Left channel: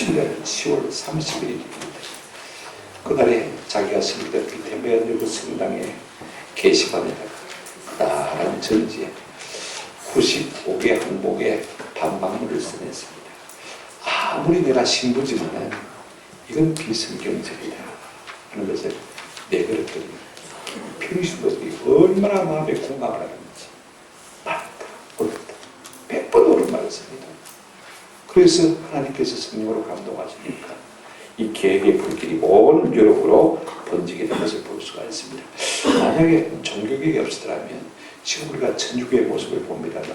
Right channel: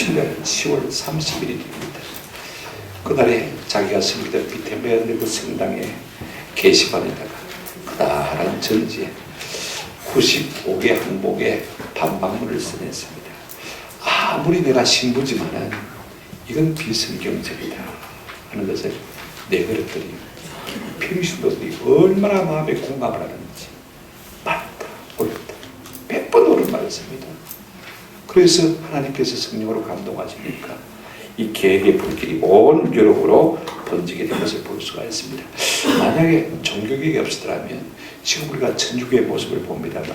2007년 10월 30일입니다. 그날에 자기가 섬기던 비텐베르크 성당의 게시판에다가 그다란 전지에 95개 항목에 반박문을 써냈습니다. 아무리 내가 신부지만은 이건 비성경적이다 하는 것을 내걸었더니 평신도들이 얼마나 마음에 공감을 하는지 맞다, 옳다, 100번 옳은 말을 씁니다. 그래서 하나님께서 성령으로 감동하시니까 이 계획의 불길이 온 유럽으로 번지게 된 것을 볼 수가 있습니다. 만약에 종교개혁이 없었더라면 지금 우리가 천주교의 모습을 봅니다만요,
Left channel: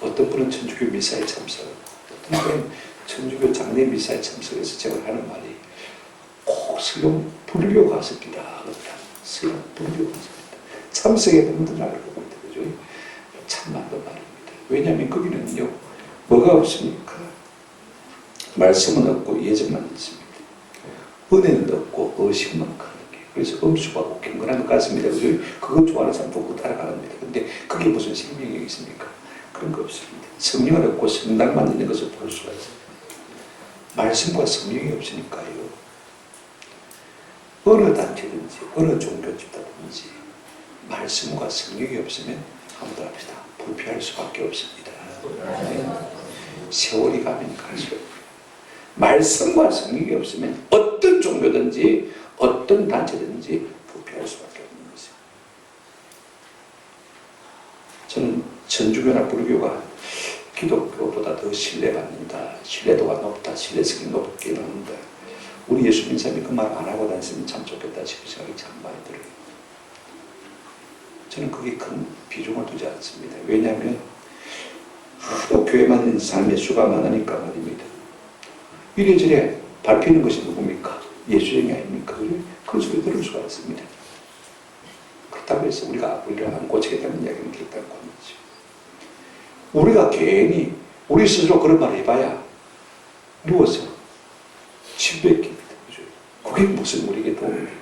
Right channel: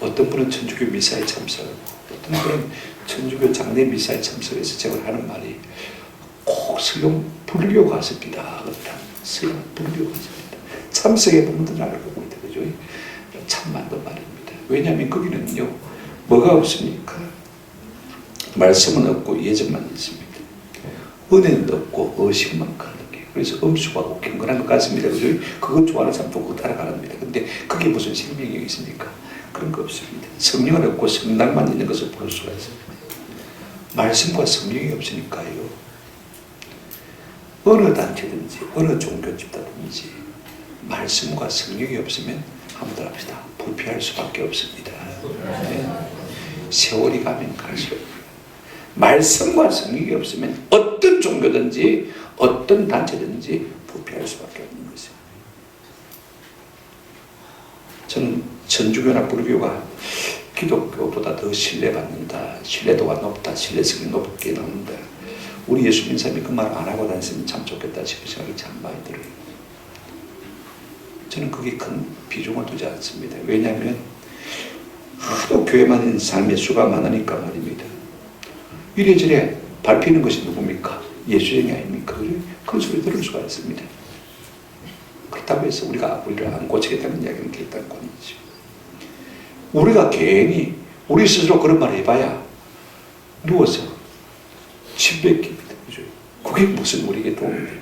어떤 분은 천주교 미사에 참석하고 어떤 분은 천주교 장례 미사에 참석해서 제가 하는 말이 꼭 설령 불교 가습니다. 설령 불교 가습니다. 참석해 보면 나를 보고 있다. 그죠? 참 맞는 말입니다. 왜냐하면 거기는요, 뭐가 없습니까? 말씀은 없고 예정만 있습니다. 은혜는 없고 의식만 가능해요. 그래서 엄숙하고 경건한 것 같습니다. 그죠? 그거 좋아하는 사람 보고 따라가랍니다. 근데 그게 무슨 생명이 있습니까? 그런 거 없습니다. 성령은 없고 성당만 있는 것을 볼 수가 있습니다. 말씀과 성령이 없으니까요, 어느 단체든지 어느 종교 집단든지 말씀과 성령이 없으면 한번 합시다. 부패할 수밖에 없습니다. 네. 세월이 가면 갈수록 말씀과 성령이 없으면 어떤 종교든지 어떤 단체든지 부패할 수밖에 없는 것입니다. 저는 천주교나 불교가 기독교보다 더 신뢰받는다, 신뢰도가 높다, 신뢰성이 높게 나온다, 우리 예수 믿는 사람이 그 말 안 하고 다녔으면 참 좋겠다 싶은 생각이 참 많이 들어요. 저는 그게 큰 비중을 두지 않습니다. 왜냐하면 하도 교회만 있는 삶의 수가 많으니까 말입니다. 이래저래 밟히는 것이 누굽니까? 예수쟁이 아닙니까? 그런 소리 들을 수가 있습니다. 그렇다고 해서 우리가 우리를 안 고치겠다는 이야기는 결단은 아니죠. 우리가 괜히 우리 스스로 그런 말을 해봐야 누워서 침 뱉깁니다. 그죠? 그게 무슨 우리에게 도움이 됩니까?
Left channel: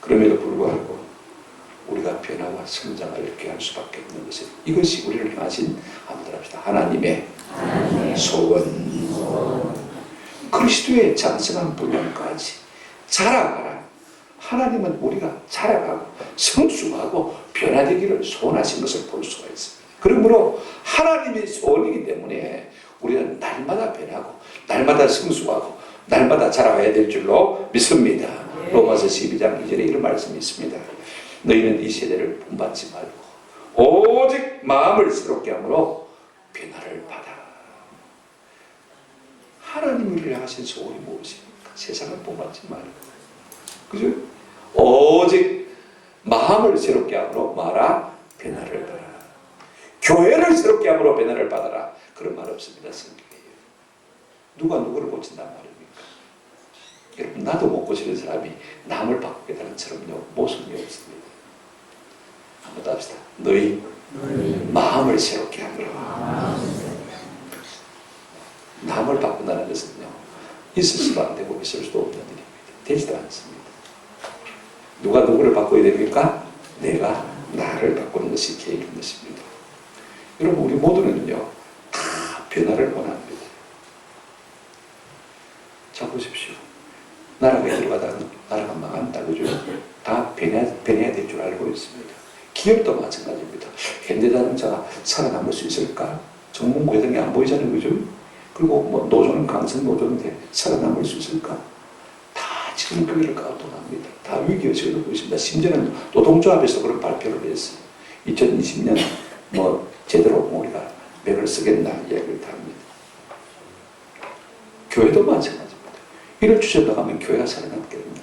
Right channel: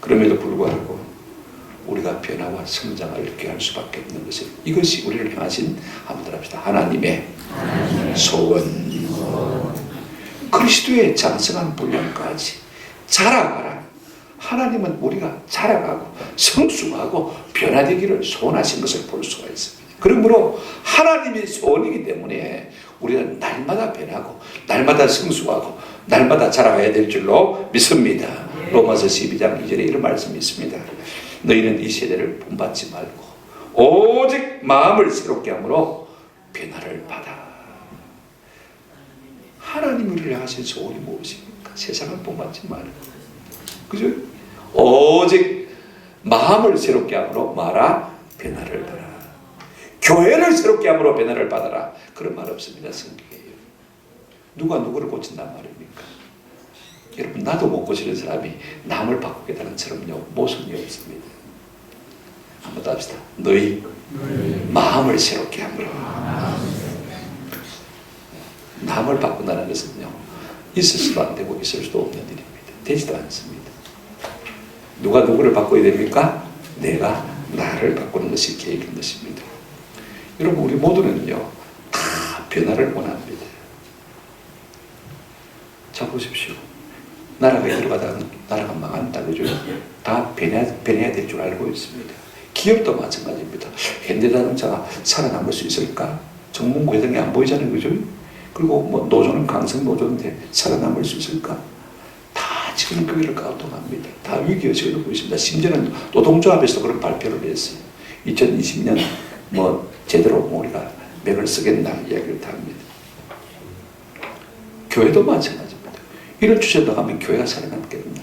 그럼에도 불구하고 우리가 변화와 성장을 이렇게 할 수밖에 없는 것은 이것이 우리를 향하신, 한번 합시다, 하나님의 소원. 그리스도의 장성한 분량까지 자라가라. 하나님은 우리가 자라가고 성숙하고 변화되기를 소원하신 것을 볼 수가 있습니다. 그러므로 하나님의 소원이기 때문에 우리는 날마다 변하고 날마다 성숙하고 날마다 자라가야 될 줄로 믿습니다. 로마서 12장 2절에 이런 말씀이 있습니다. 너희는 이 세대를 본받지 말고 오직 마음을 새롭게 함으로 변화를 받아. 하나님이 우리를 하신 소원이 무엇입니까? 세상을 본받지 말고, 그죠? 오직 마음을 새롭게 함으로 말아 변화를 받아. 교회를 새롭게 함으로 변화를 받아라. 그런 말 없습니다. 성경에요. 누가 누구를 고친단 말입니까? 여러분, 나도 못 고치는 사람이 남을 바꾸겠다는 처럼요, 모순이 없습니다. 한번 더 합시다. 너희 마음을 새롭게 함으로. 남을 바꾼다는 것은요, 있을 수도 안 되고 있을 수도 없는 일입니다. 되지도 않습니다. 누가 누구를 바꿔야 됩니까? 내가 나를 바꾸는 것이 계획인 것입니다. 여러분, 우리 모두는요, 다 변화를 원합니다. 자, 보십시오. 나라가 들어가다 나라가 망한다, 그죠? 다 변해야 될 줄 알고 있습니다. 기업도 마찬가지입니다. 현대자동차가 살아남을 수 있을까? 정문구 회장이 안 보이잖아요, 그죠? 그리고 뭐 노조는 강성 노조인데 살아남을 수 있을까? 다 지금 거기를 가동합니다. 다 위기의식을 놓고 있습니다. 심지어는 노동조합에서 그런 발표를 했어요. 2020년 뭐 제대로 우리가 맥을 쓰겠나 이야기를 다 합니다. 교회도 마찬가지입니다. 이런 추세 나가면 교회가 살아남겠나?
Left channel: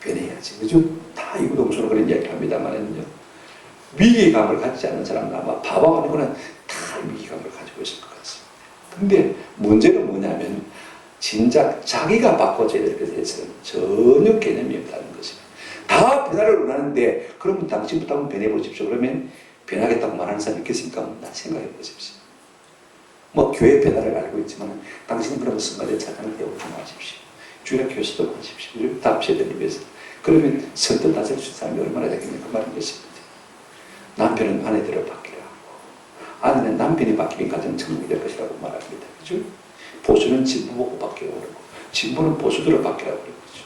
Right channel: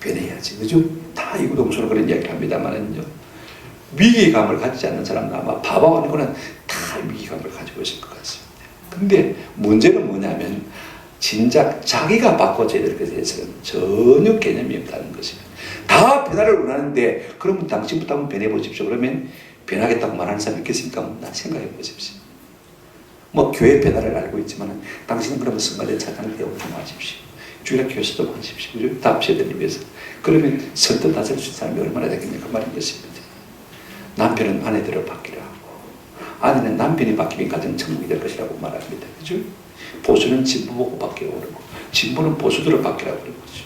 변해야지, 그죠? 다 이구동성으로 그런 이야기를 합니다만은요, 위기감을 가지지 않는 사람은 아마 바보 아니고는 다 위기감을 가지고 있을 것 같습니다. 근데 문제는 뭐냐면 진작 자기가 바꿔줘야 될 것에 대해서는 전혀 개념이 없다는 것입니다. 다 변화를 원하는데 그러면 당신부터 한번 변해보십시오. 그러면 변하겠다고 말하는 사람이 있겠습니까? 나 생각해 보십시오. 뭐 교회 변화를 알고 있지만 당신은 그러면 성가대 차장을 배우고 좀 하십시오. 주일학 교수도 하십시오. 그죠? 다 세대를 위해서. 그러면 선뜻 나설 수 있는 사람이 얼마나 되겠냐 그 말인 것입니다. 남편은 아내대로 바뀌라 하고 아내는 남편이 바뀌면 가정 천국이 될 것이라고 말합니다. 그죠? 보수는 진부 보고 바뀌라고 그러고 진부는 보수대로 바뀌라고 그러는 거죠.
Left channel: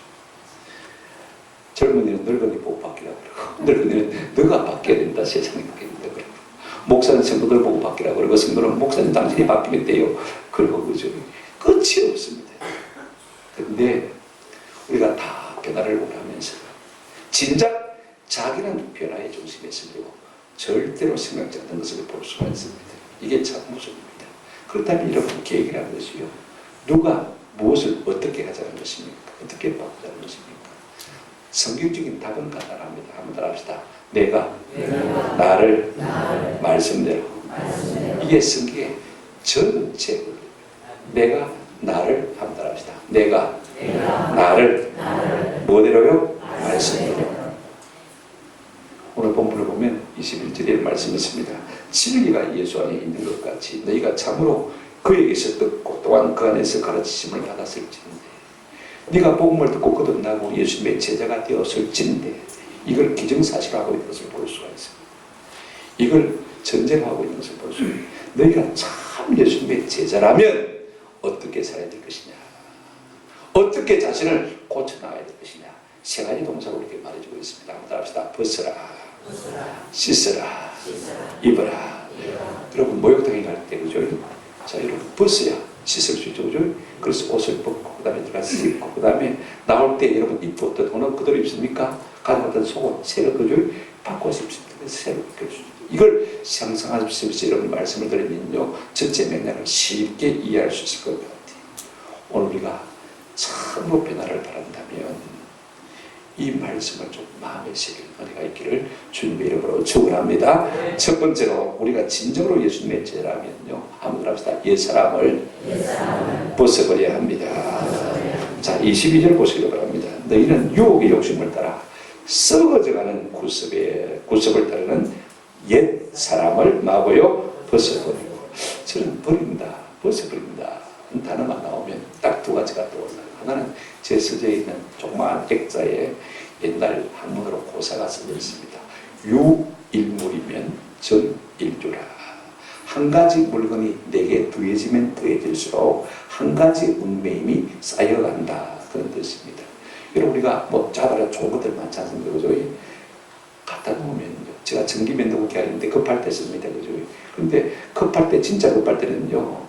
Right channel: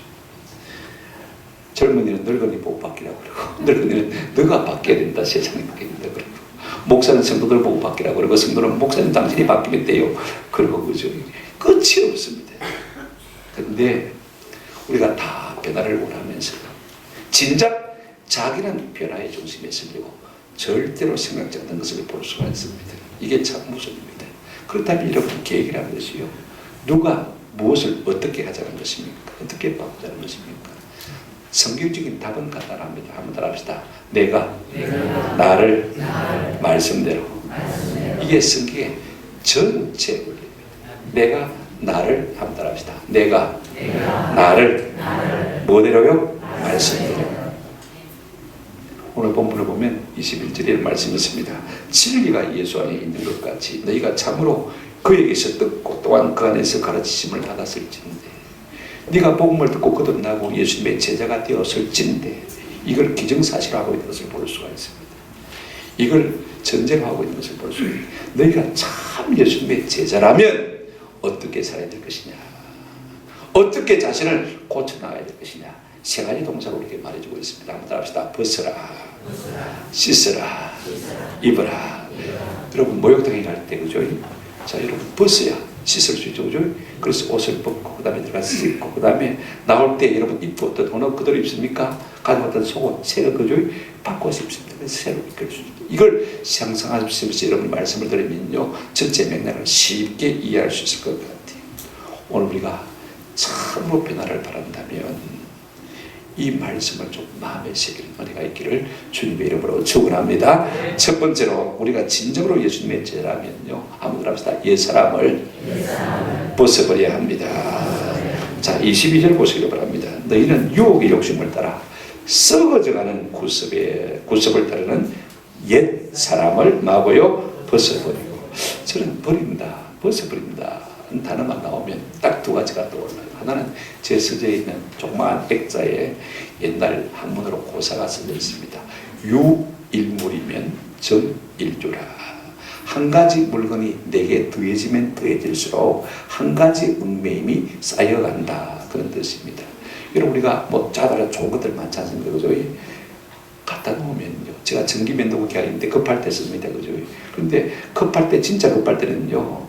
젊은이는 늙은이 보고 바뀌라고 그러고 늙은이는 너가 바뀌어야 된다, 세상이 바뀌어야 된다 그러고 목사는 성도들 보고 바뀌라고 그러고 성도는 목사님 당신이 바뀌면 돼요 그러고 그죠. 끝이 없습니다. 근데 우리가 다 변화를 원하면서 진작 자기는 변화의 중심에 서려고 절대로 생각지 않는 것을 볼 수가 있습니다. 이게 참 무섭습니다. 그렇다면 여러분 계획이라는 것이요, 누가 무엇을 어떻게 하자는 것입니까? 어떻게 바꾸자는 것입니까? 성경적인 답은 간단합니다. 한번 따라합시다. 내가 나를 말씀대로. 이게 성경의 전체 원리입니다. 내가 나를, 한번 따라합시다. 내가 나를 뭐대로요? 말씀대로. 오늘 본문을 보면 21절에 말씀이 있습니다. 진리가 예수 안에 있는 것 같이 너희가 참으로 그에게서 듣고 또한 그 안에서 가르치심을 받았을진데, 네가 복음을 듣고 거듭나고 예수님의 제자가 되었을진데, 이걸 기정사실화하고 있는 것을 볼 수가 있습니다. 이걸 전제로 하고 있는 것을 볼 수 있습니다. 너희가 참 예수님의 제자라면 어떻게 살아야 될 것이냐, 어떻게 자신을 고쳐나가야 될 것이냐, 세 가지 동사로 이렇게 말해주고 있습니다. 한번 따라합시다. 벗어라, 씻어라, 입어라. 여러분 목욕탕에 갈 때 그죠? 자, 여러분 벗어야 씻을 수 있죠, 그죠? 그래서 옷을 벗고 그 다음에 들어가서 씻고 그 다음에 나올 때 여러분 입었던 옷은 그대로 입습니까? 가져왔던 속옷 새로 그죠? 바꿔 입습니다. 그래서 새로 입을 수 있죠. 이걸 상상하시면서 여러분 말씀을 들으면요, 전체 맥락을 쉽게 이해할 수 있을 것 같아요. 오늘 우리가 참으로 변화를 바란다면 이 말씀을 좀 마음에 새기는 은혜가 있기를 주님의 이름으로 축원합니다. 첫 번째로 우리가 진정으로 예수님의 제자라면요, 한번 합시다. 옛사람을 벗어버려야 합니다. 자, 22절 보시기 바랍니다. 너희는 유혹의 욕심을 따라 썩어져가는 구습을 따르는 옛사람을 마고요 벗어버리고. 저는 버린다, 벗어버린다 단어만 나오면 딱 두 가지가 떠올라요. 하나는 제 서재에 있는 조그마한 액자에 옛날 한문으로 고사가 써져 있습니다. 유일물이면 전일주라. 한 가지 물건이 내게 더해지면 더해질수록 한 가지 운명이 쌓여간다, 그런 뜻입니다. 여러분 우리가 뭐 짜다가 좋은 것들 많지 않습니까? 그죠? 갖다 놓으면요, 제가 전기면도구 계약인데 급할 때 씁니다. 그죠? 그런데 급할 때, 진짜 급할 때는요,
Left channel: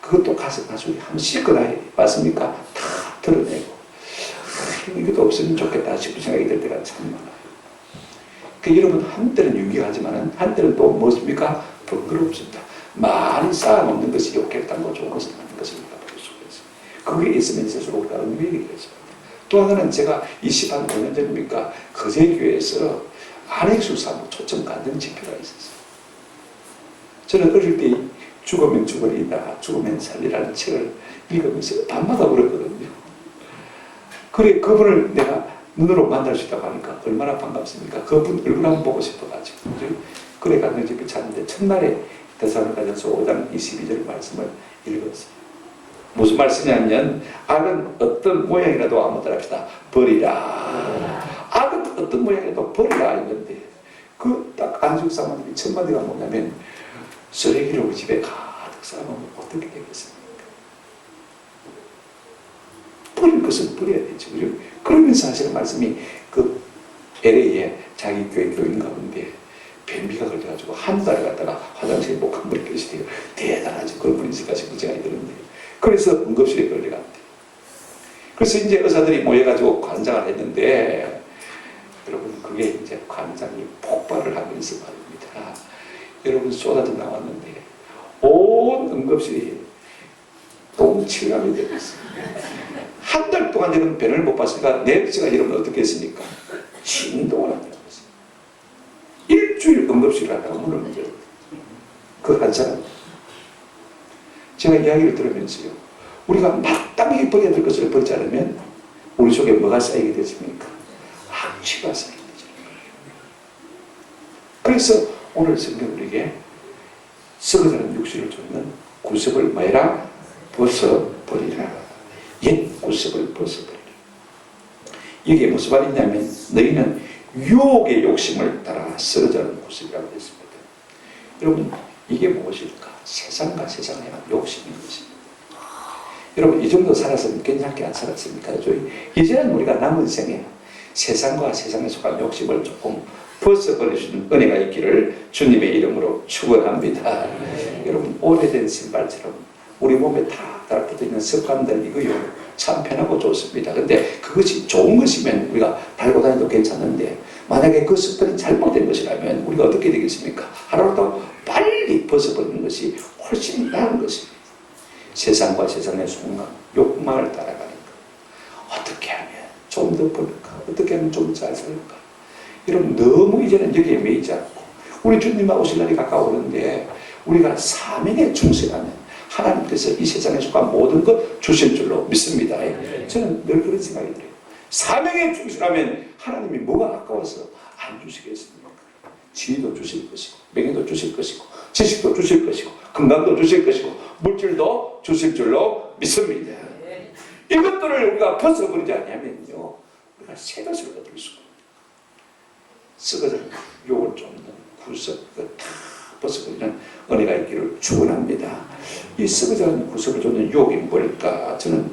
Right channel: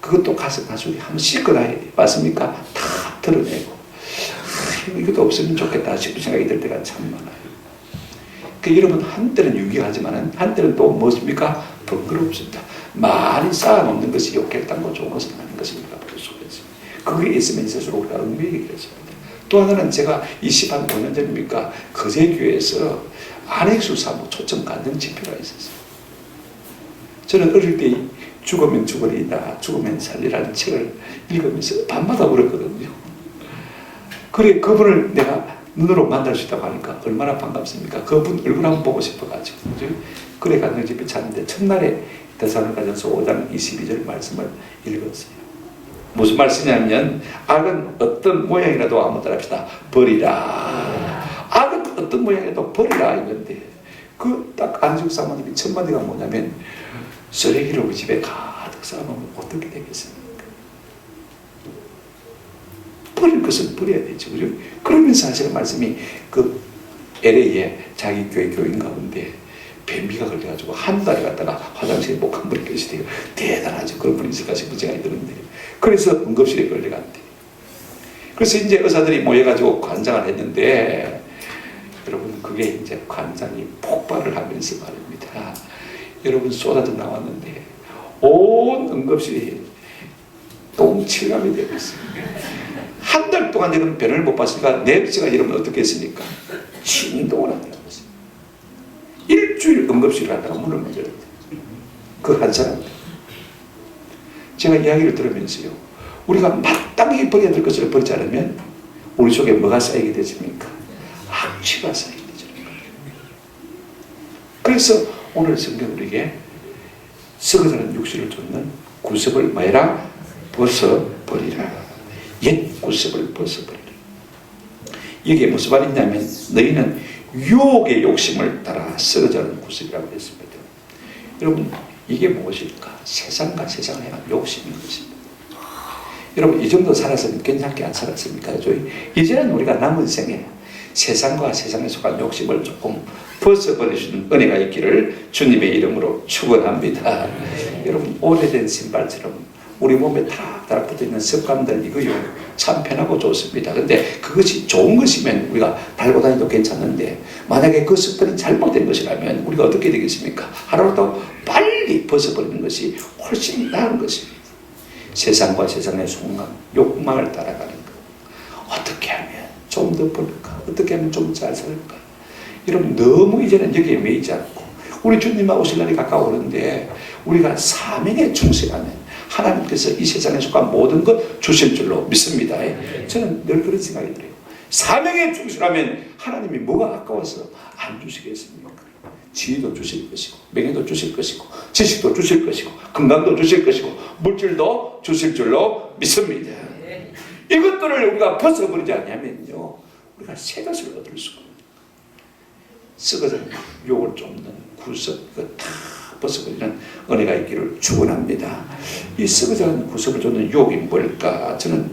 그것도 가서 나중에 한번 씻거나 맞습니까? 다 털어내고 이것도 없으면 좋겠다 싶은 생각이 들 때가 참 많아요. 그러니까 여러분 한때는 유익하지만 한때는 또 무엇입니까? 번거롭습니다. 많이 쌓아놓는 것이 욕했다고 좋은 것은 아닌 것을 우리가 볼 수가 있습니다. 그게 있으면 있을수록 우리가 얽매이게 되었습니다. 또 하나는 제가 20한 5년 전입니까? 거제교회에서 안핵수 사무 초청 간증 집회가 있었어요. 저는 어릴 때 죽으면 죽으리다, 죽으면 살리라는 책을 읽으면서 밤마다 울었거든요. 그래, 그분을 내가 눈으로 만날 수 있다고 하니까 얼마나 반갑습니까? 그분 얼굴 한번 보고 싶어가지고. 그래, 간증집에 찾는데 첫날에 데살로니가전서 5장 22절 말씀을 읽었어요. 무슨 말씀이냐면, 악은 어떤 모양이라도 한번 따라합시다. 버리라. 악은 어떤 모양이라도 버리라 이건데, 그 딱 안식 사모님이 첫 마디가 뭐냐면, 쓰레기를 우리 집에 가득 쌓아놓으면 어떻게 되겠습니까? 버릴 것은 버려야 되죠, 그죠? 그러면서 하시는 말씀이 그 LA에 자기 교회 교인 가운데 변비가 걸려가지고 한 달 갔다가 화장실에 목 한 번에 계시대요. 대단하죠. 그런 분이 있을까 싶은 생각이 드는데, 그래서 응급실에 걸려갔대요. 그래서 이제 의사들이 모여가지고 관장을 했는데, 여러분 그게 이제 관장이 폭발을 하면서 말입니다. 여러분 쏟아져 나왔는데 온 응급실이 똥칠감이 되고 있습니다. 한 달 동안 여러분 변을 못 봤으니까 냄새가 여러분 어떻게 했습니까? 진동을 한다고 했어요. 일주일 응급실을 하다가 문을 못 열었대요. 그 한 사람. 제가 이야기를 들으면서요, 우리가 마땅히 버려야 될 것을 버리지 않으면 우리 속에 뭐가 쌓이게 되십니까? 악취가 쌓이게 되죠. 그래서 오늘 성경 우리에게 썩어가는 육신을 쫓는 구습을 뭐해라? 벗어버리라. 옛 구습을 벗어버리라. 이게 무슨 말이냐면, 너희는 유혹의 욕심을 따라 썩어가는 구습이라고 했습니다. 여러분 이게 무엇일까? 세상과 세상을 향한 욕심인 것입니다. 여러분 이 정도 살았으면 괜찮게 안 살았습니까? 이제는 우리가 남은 생에 세상과 세상에 속한 욕심을 조금 벗어버리시는 은혜가 있기를 주님의 이름으로 축원합니다. 여러분 오래된 신발처럼 우리 몸에 타락타락 붙어있는 습관들 이거요 참 편하고 좋습니다. 근데 그것이 좋은 것이면 우리가 달고 다니도 괜찮은데 만약에 그 습관이 잘못된 것이라면 우리가 어떻게 되겠습니까? 하루라도 빨리 벗어버리는 것이 훨씬 나은 것입니다. 세상과 세상의 속망, 욕망을 따라가는 것. 어떻게 하면 좀 더 벌까? 어떻게 하면 좀 잘 살까? 여러분 너무 이제는 여기에 매이지 않고 우리 주님 오실 날이 가까우는데 우리가 사명에 충실하면 하나님께서 이 세상에 속한 모든 것 주실 줄로 믿습니다. 저는 늘 그런 생각이 들어요. 사명에 충실하면 하나님이 뭐가 아까워서 안 주시겠습니까? 지혜도 주실 것이고 명예도 주실 것이고 지식도 주실 것이고 건강도 주실 것이고 물질도 주실 줄로 믿습니다. 이것들을 우리가 벗어버리지 않으면요 우리가 새 것을 얻을 수가 없어요. 썩어진 욕을 쫓는 구석 이거 다 벗어버리는 은혜가 있기를 축원합니다. 이 썩어진 구석을 쫓는 욕이 뭘까? 저는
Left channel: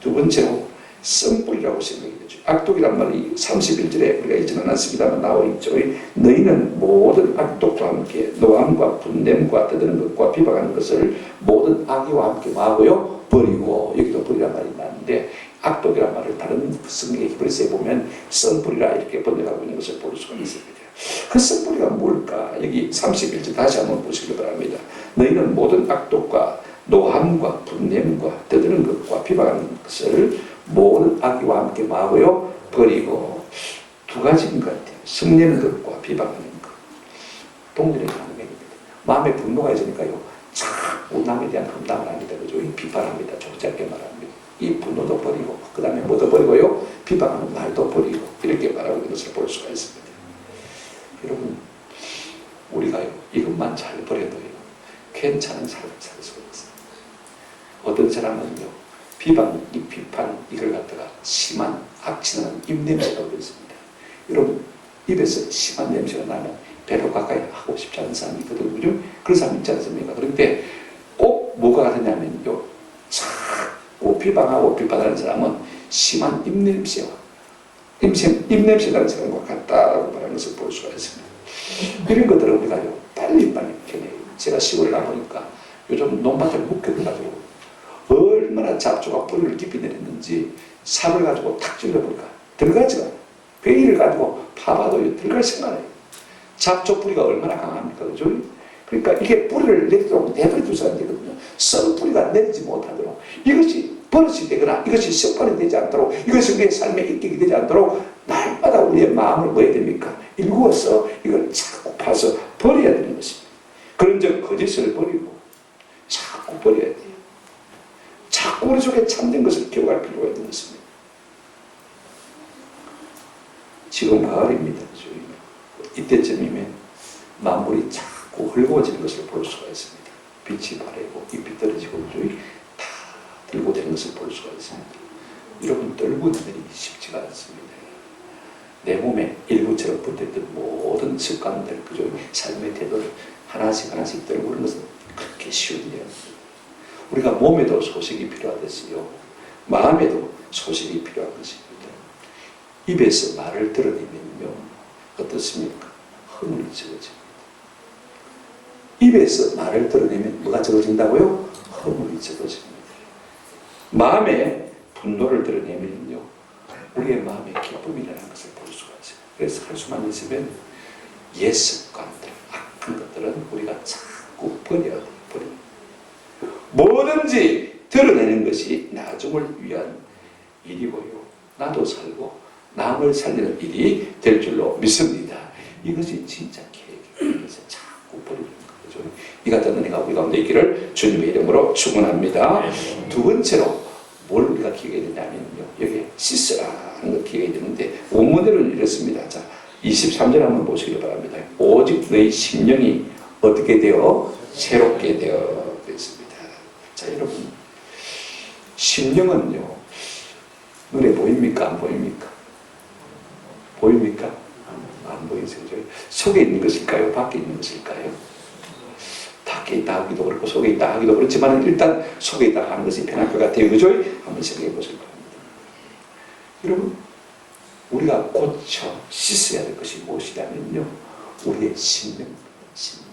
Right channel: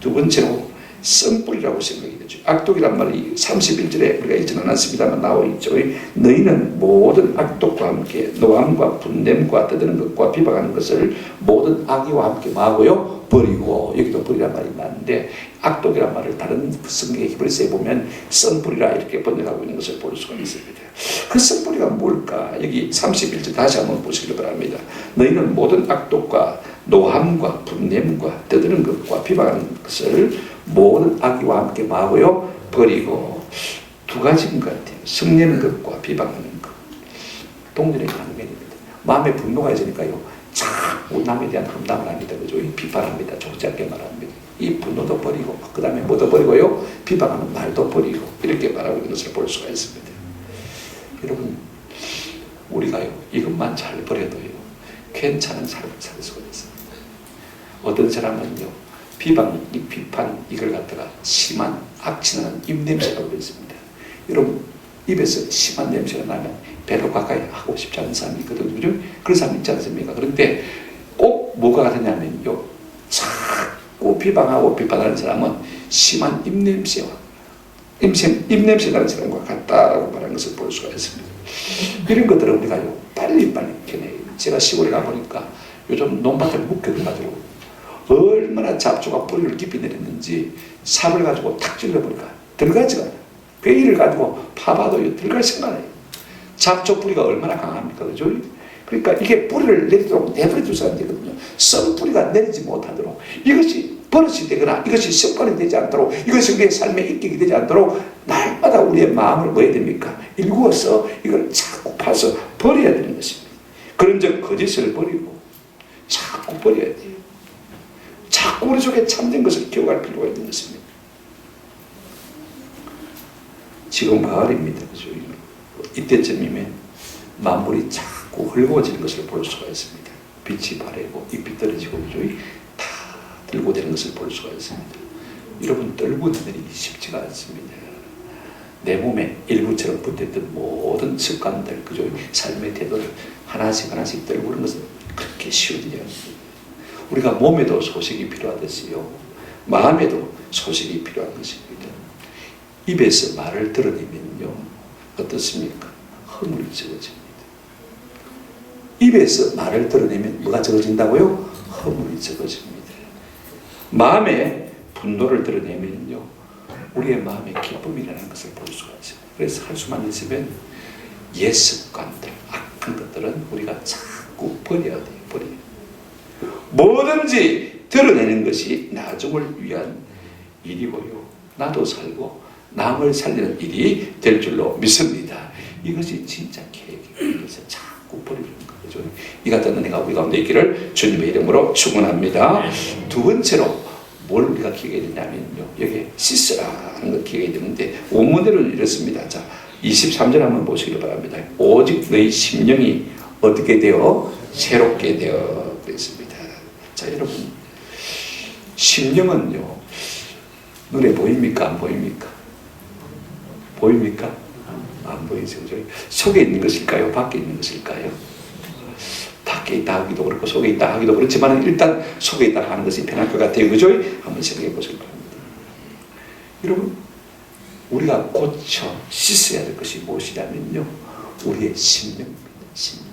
두 번째로 썸뿌리라고 생각이 되죠. 악독이란 말이 31절에 우리가 읽지는 않았습니다만 나와 있죠. 너희는 모든 악독과 함께 노함과 분냄과 떠드는 것과 비방하는 것을 모든 악의와 함께 마고요 버리고, 여기도 버리란 말이 나는데 악독이란 말을 다른 성경의 히브리서에 보면 썸뿌리라 이렇게 번역하고 있는 것을 볼 수가 있습니다. 그 썸뿌리가 뭘까? 여기 31절 다시 한번 보시기 바랍니다. 너희는 모든 악독과 노함과 분냄과 떠드는 것과 비방하는 것을 모든 악의와 함께 마고요 버리고. 두 가지인 것 같아요. 성내는 것과 비방하는 것. 동전의 강면입니다. 마음에 분노가 있으니까요 자꾸 남에 대한 험담을 합니다. 그죠? 비판합니다. 좋지 않게 말합니다. 이 분노도 버리고 그 다음에 뭐도 버리고요 비방하는 말도 버리고 이렇게 말하고 있는 것을 볼 수가 있습니다. 여러분 우리가요 이것만 잘 버려도요 괜찮은 삶을 살 수가 있습니다. 어떤 사람은요 비방, 이 비판 이걸 갖다가 심한 악취나는 입냄새가 올렸습니다. 여러분 입에서 심한 냄새가 나면 배로 가까이 하고 싶지 않은 사람이 있거든요. 그죠? 그런 사람 있지 않습니까? 그런데 꼭 뭐가 같으냐면요 자꾸 비방하고 비판하는 사람은 심한 입냄새와 입냄새 나는 사람과 같다라고 말하는 것을 볼 수가 있습니다. 이런 것들은 우리가요 빨리빨리 견해요. 제가 시골에 가보니까 요즘 논밭을 묵혀가지고 얼마나 잡초가 뿌리를 깊이 내렸는지 삽을 가지고 탁 찔러보니까 들어가지가 않아요. 베일을 가지고 파봐도 들어갈 생각 안 해요. 잡초 뿌리가 얼마나 강합니까? 그죠? 그러니까 이게 뿌리를 내리도록 내버려 두셔야 되거든요. 썩은 뿌리가 내리지 못하도록 이것이 버릇이 되거나 이것이 습관이 되지 않도록 이것이 우리의 삶의 인격이 되지 않도록 날마다 우리의 마음을 뭐 해야 됩니까? 일구어서 이걸 자꾸 파서 버려야 되는 것입니다. 그런 적 거짓을 버리고 자꾸 버려야 돼요. 자꾸 우리 속에 참된 것을 기억할 필요가 있는 것입니다. 지금 가을입니다. 그죠? 이때쯤이면 만물이 자꾸 헐거워지는 것을 볼 수가 있습니다. 빛이 바래고 잎이 떨어지고 그죠? 다 들고 되는 것을 볼 수가 있습니다. 여러분 떨고 다니기 쉽지가 않습니다. 내 몸에 일부처럼 붙어있던 모든 습관들 그죠? 삶의 태도를 하나씩 하나씩 떨고 그런 것은 그렇게 쉬운 일이 아닙니다. 우리가 몸에도 소식이 필요하듯이요 마음에도 소식이 필요한 것입니다. 입에서 말을 드러내면요 어떻습니까? 허물이 적어집니다. 입에서 말을 드러내면 뭐가 적어진다고요? 허물이 적어집니다. 마음에 분노를 드러내면요 우리의 마음에 기쁨이 일어나는 것을 볼 수가 있어요. 그래서 할 수만 있으면 옛 습관들, 악한 것들은 우리가 자꾸 버려야 돼요. 버려야 돼요. 뭐든지 드러내는 것이 나중을 위한 일이고요. 나도 살고 남을 살리는 일이 될 줄로 믿습니다. 이것이 진짜 계획이에요. 그래서 자꾸 버리는 거죠. 이 같은 은혜가 우리 가운데 있기를 주님의 이름으로 축원합니다. 두 번째로 뭘 우리가 기억해야 되냐면요. 여기 씻으라 하는 걸 기억해야 되는데 원문대로는 이렇습니다. 자, 23절 한번 보시기 바랍니다. 오직 너희 심령이 어떻게 되어 새롭게 되어 그랬습니다. 자, 여러분 심령은요 눈에 보입니까? 안 보입니까? 보입니까? 안 보이죠. 속에 있는 것일까요? 밖에 있는 것일까요? 밖에 밖에 있다 하기도 그렇고 속에 있다 하기도 그렇지만 일단 속에 있다 하는 것이 편할 것 같아요. 그죠? 한번 생각해 보시기 바랍니다. 여러분, 우리가 고쳐 씻어야 될 것이 무엇이냐면요, 우리의 심령입니다. 심령.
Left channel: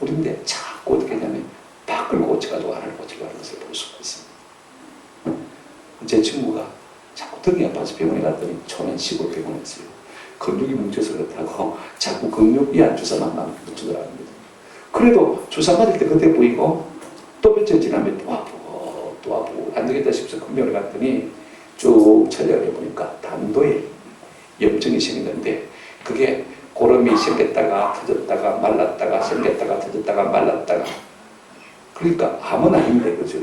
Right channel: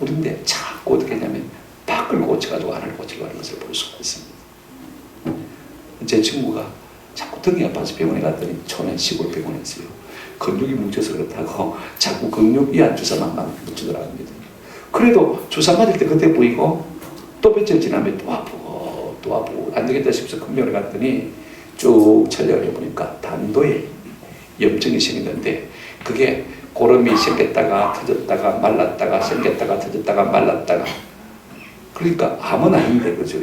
우리인데 자꾸 어떻게 하냐면 밖을 고쳐가지고 안을 고치려고 하는 것을 볼 수가 있습니다. 제 친구가 자꾸 등이 아파서 병원에 갔더니 초년 시골 병원에서요, 근육이 뭉쳐서 그렇다고 자꾸 근육 이완 주사만 막 붙이더랍니다. 그래도 주사 맞을 때 그때 보이고 또 며칠 지나면 또 아프고 또 아프고 안 되겠다 싶어서 큰 병원에 갔더니 쭉 촬영을 해보니까 담도에 염증이 생겼는데, 그게 고름이 생겼다가 터졌다가 말랐다가 생겼다가 터졌다가 말랐다가, 그러니까 암은 아닌데, 그죠?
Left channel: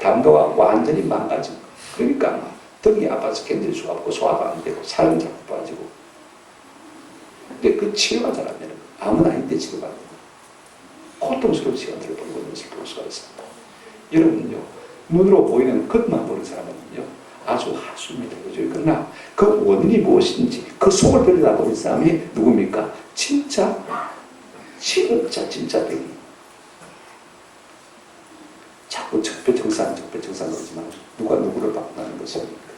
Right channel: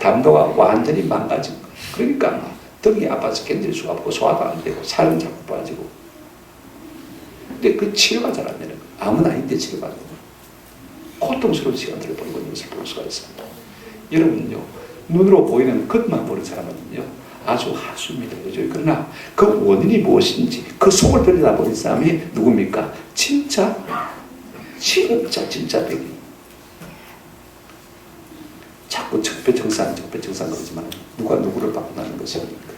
담도가 완전히 망가진 거. 그러니까 막 등이 아파서 견딜 수가 없고 소화도 안 되고 살은 자꾸 빠지고. 근데 그 치료가 잘 안 되는 거. 암은 아닌데 치료가 안 되는 거. 고통스러운 시간들을 보내고 있는 것을 볼 수가 있습니다. 여러분요, 눈으로 보이는 것만 보는 사람은요 아주 하수입니다. 그죠? 그러나 그 원인이 무엇인지 그 속을 들여다보는 사람이 누굽니까? 진짜 백이. 자꾸 적폐청산 그러지만 누가 누구를 바꾸는 것입니까?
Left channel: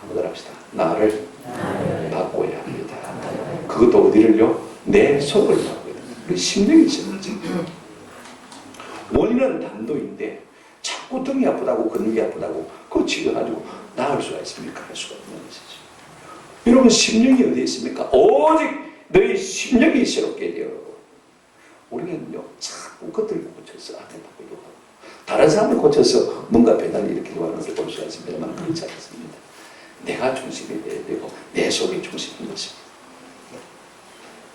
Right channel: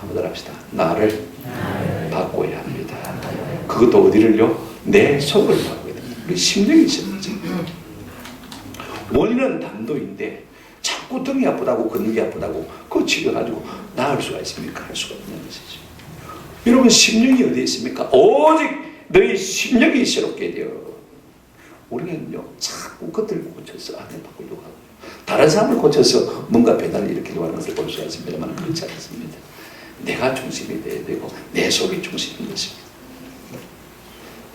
한번 합시다. 나를 바꿔야 합니다. 그것도 어디를요? 내 속을 바꿔야 됩니다. 우리 심령이 있어야 되죠. 원인은 담도인데 자꾸 등이 아프다고 근육이 아프다고 그거 치료가지고 나을 수가 있습니까? 할 수가 없는 것이죠. 여러분, 심령이 어디에 있습니까? 오직 너희 심령이 새롭게 되어. 우리는요 자꾸 그것들을 고쳐서 안을 바꾸려고 하고 다른 사람을 고쳐서 뭔가 배달을 일으키려고 하는 것을 볼 수가 있습니다만 그렇지 않습니다. 내가 중심이 되어야 되고 내 속이 중심인 것입니다.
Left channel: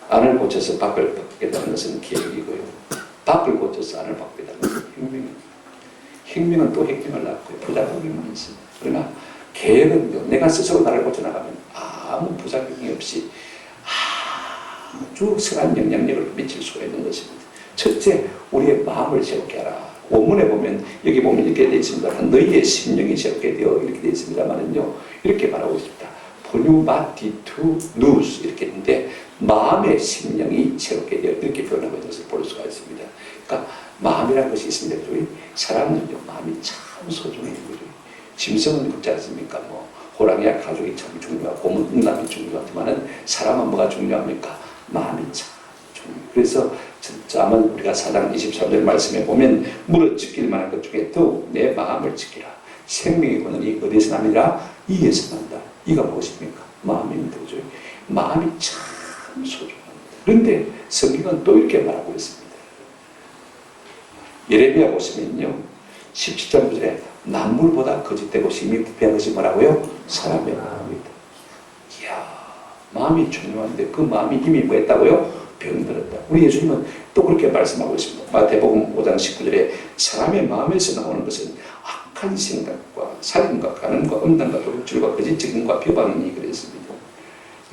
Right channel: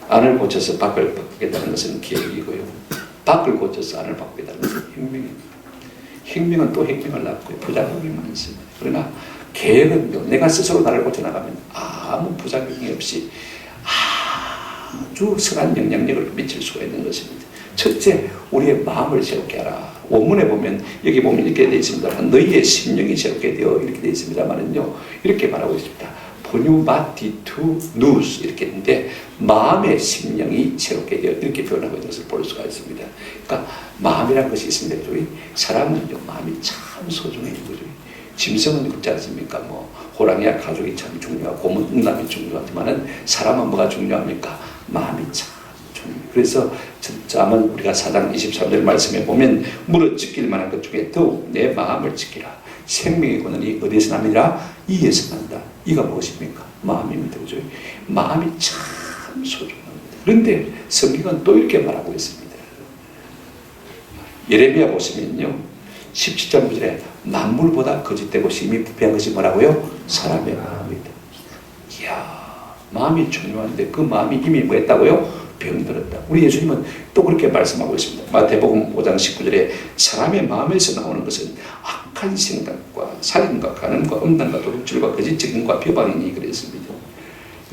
안을 고쳐서 밖을 바꾸겠다는 것은 계획이고요, 밖을 고쳐서 안을 바꾸겠다는 것은 혁명입니다. 혁명은 또 혁명을 낳고 부작용이 많습니다. 그러나 계획은요, 내가 스스로 나를 고쳐나가면 아무 부작용이 없이 아주 선한 영향력을 미칠 수가 있는 것입니다. 첫째, 우리의 마음을 새롭게 하라. 원문에 보면, 여기 보면 이렇게 되어 있습니다. 너희의 심령이 새롭게 되어 이렇게 되어 있습니다만은요, 이렇게 말하고 있습니다. 포뉴마티투 누스 이렇게 했는데, 마음의 심령이 새롭게 되어 이렇게 표현하고 있는 것을 볼 수가 있습니다. 그러니까 마음이라는 것이 있습니다. 사람은요 마음이 참 소중해요. 짐승은 그렇지 않습니까? 뭐 호랑이와 가족이 참 중요하고 곰은 중요하지만은 사람은 뭐가 중요합니까? 마음이 참 중요해요. 그래서 아마 우리가 4장 23절 말씀에 보면 물어 지킬 만한 것 중에 더욱 내 마음을 지키라. 생명의 권한이 어디에서 납니다? 이에서 난다. 이가 무엇입니까? 마음입니다. 그죠? 마음이 참 소중합니다. 그런데 성경은 또 이렇게 말하고 있습니다. 예레미야 보시면요 17장 9절에 만물보다 거짓되고 심히 부패한 것이 뭐라고요? 사람의 마음이다. 이야, 마음이 중요한데 그 마음이 이미 뭐 했다고요? 병들었다. 우리 예수님은 또 그렇게 말씀하고 있습니다. 마태복음 5장 19절에 사람의 마음에서 나오는 것은 악한 생각과 살인과 간음과 음란과 도둑질과 거짓 증언과 비방이니 그랬습니다.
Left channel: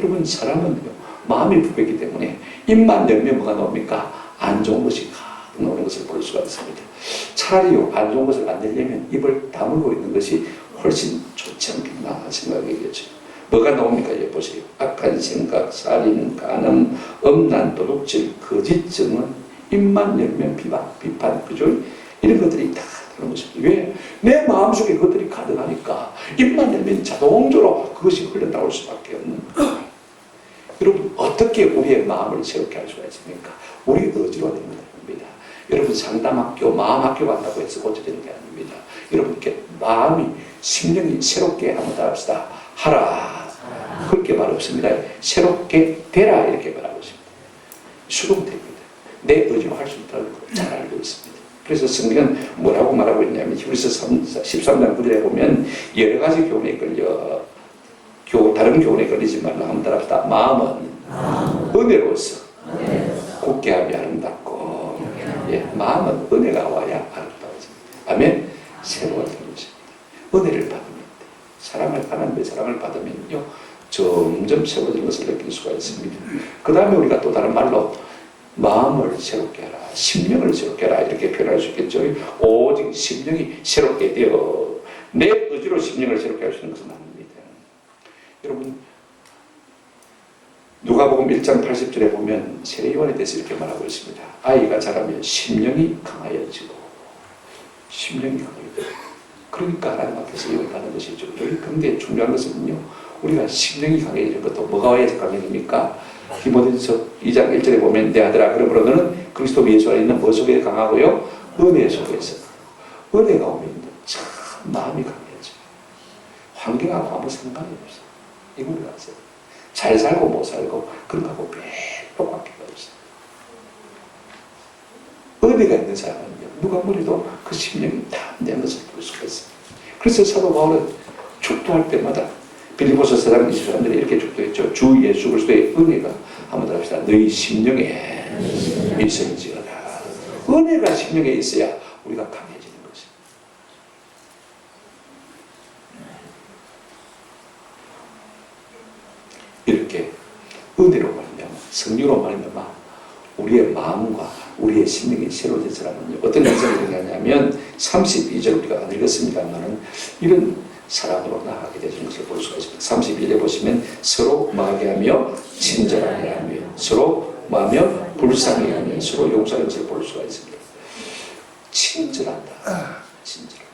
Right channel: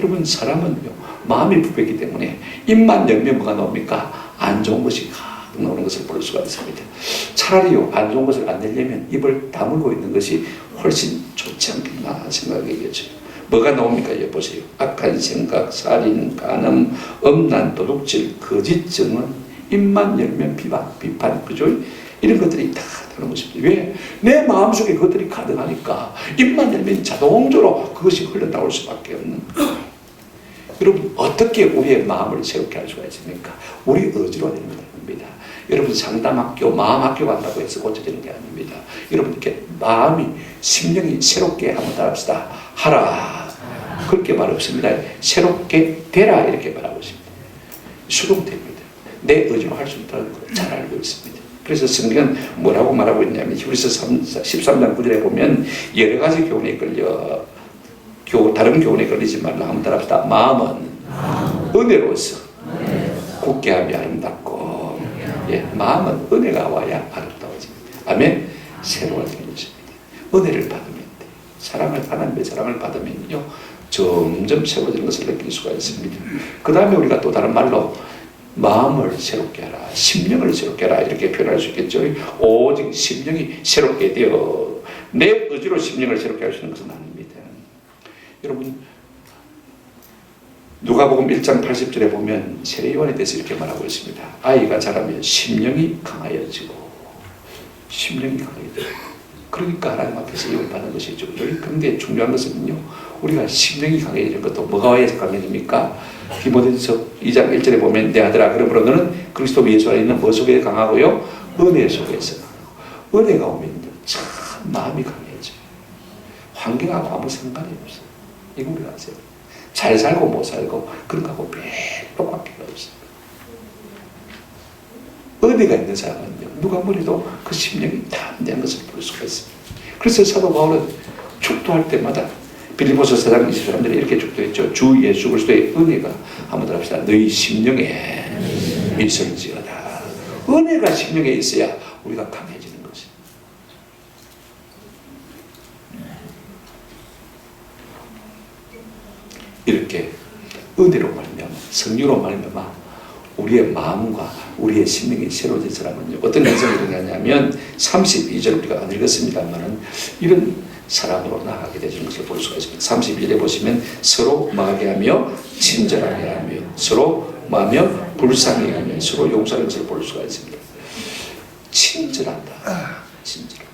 여러분, 사람은요 마음이 부패했기 때문에 입만 열면 뭐가 나옵니까? 안 좋은 것이 가득 나오는 것을 볼 수가 있습니다. 차라리요 안 좋은 것을 안 내려면 입을 다물고 있는 것이 훨씬 좋지 않겠나 생각하겠죠. 뭐가 나옵니까? 보세요. 악한 생각, 살인, 간음, 음란, 도둑질, 거짓 증언, 입만 열면 비판, 그죠? 이런 것들이 다 나오는 것입니다. 왜? 내 마음속에 그것들이 가득하니까 입만 열면 자동적으로 그것이 흘러나올 수밖에 없는 거예요. 여러분, 어떻게 우리의 마음을 새롭게 할 수가 있습니까? 우리 의지로 되는 겁니다. 여러분, 상담학교, 마음학교 간다고 해서 고쳐지는 게 아닙니다. 여러분께 마음이, 심령이 새롭게 한번 합시다. 하라. 그렇게 말 없습니다. 새롭게 되라. 이렇게 말하고 있습니다. 수동됩니다. 내 의지로 할 수 있다는 걸 잘 알고 있습니다. 그래서 성경은 뭐라고 말하고 있냐면 히브리서 13장 9절에 보면 여러 가지 교훈에 끌려 다른 교훈에 걸리지 말라. 한번 따라합시다. 마음은 은혜로서 굳게 하며 아름답고, 예, 마음은 은혜가 와야 아름다워집니다. 아멘. 새로워지는 것입니다. 은혜를 받으면 돼. 사랑을 받으면요 점점 새로워지는 것을 느낄 수가 있습니다. 그 다음에 우리가 또 다른 말로 마음을 새롭게 하라, 심령을 새롭게 하라 이렇게 표현할 수 있겠죠. 오직 심령이 새롭게 되어 내 의지로 심령을 새롭게 할 수 있는 것은 아닙니다. 여러분, 누가복음 1장 80절에 보면 세례요한에 대해서 이렇게 말하고 있습니다. 아이가 자라면 심령이 강하여지고 심령이 강하여지고 그러니까 하나님 앞에서 이걸 받는 것이죠. 그런데 중요한 것은요, 우리가 심령이 강해지는 것도 뭐가 와야지 강해집니까? 디모데전서 2장 1절에 보면 내 아들아 그러므로 너는 그리스도 예수 안에 있는 뭐 속에 강하고요? 은혜 속에서 강하고. 은혜가 오면 참 마음이 강해져요. 환경하고 아무 상관이 없어요. 이거 우리가 아세요? 잘 살고 못 살고 그런 거하고 별로 관계가 없어요. 은혜가 있는 사람은요, 누가 뭐래도 그 심령이 담대한 것을 볼 수가 있습니다. 그래서 사도 바울은 축도할 때마다 빌립보서 4장 23절에 이렇게 축도했죠. 주 예수 그리스도의 은혜가 한번 더 합시다. 너희 심령에 있을지어다. 은혜가 심령에 있어야 우리가 강해지는 것이에요. 이렇게 은혜로 말미암아 성령으로 말미암아 우리의 마음과 우리의 심령이 새로워진 사람은요, 어떤 현상이 일어나냐면 32절 우리가 안 읽었습니다만은 이런 사랑으로 나아가게 되는 것을 볼 수가 있습니다. 31절에 보시면 서로 마게하며 친절하게 하며 서로 마며 불쌍히 하며 서로 용서하는 것을 볼 수가 있습니다. 친절한다. 친절하다.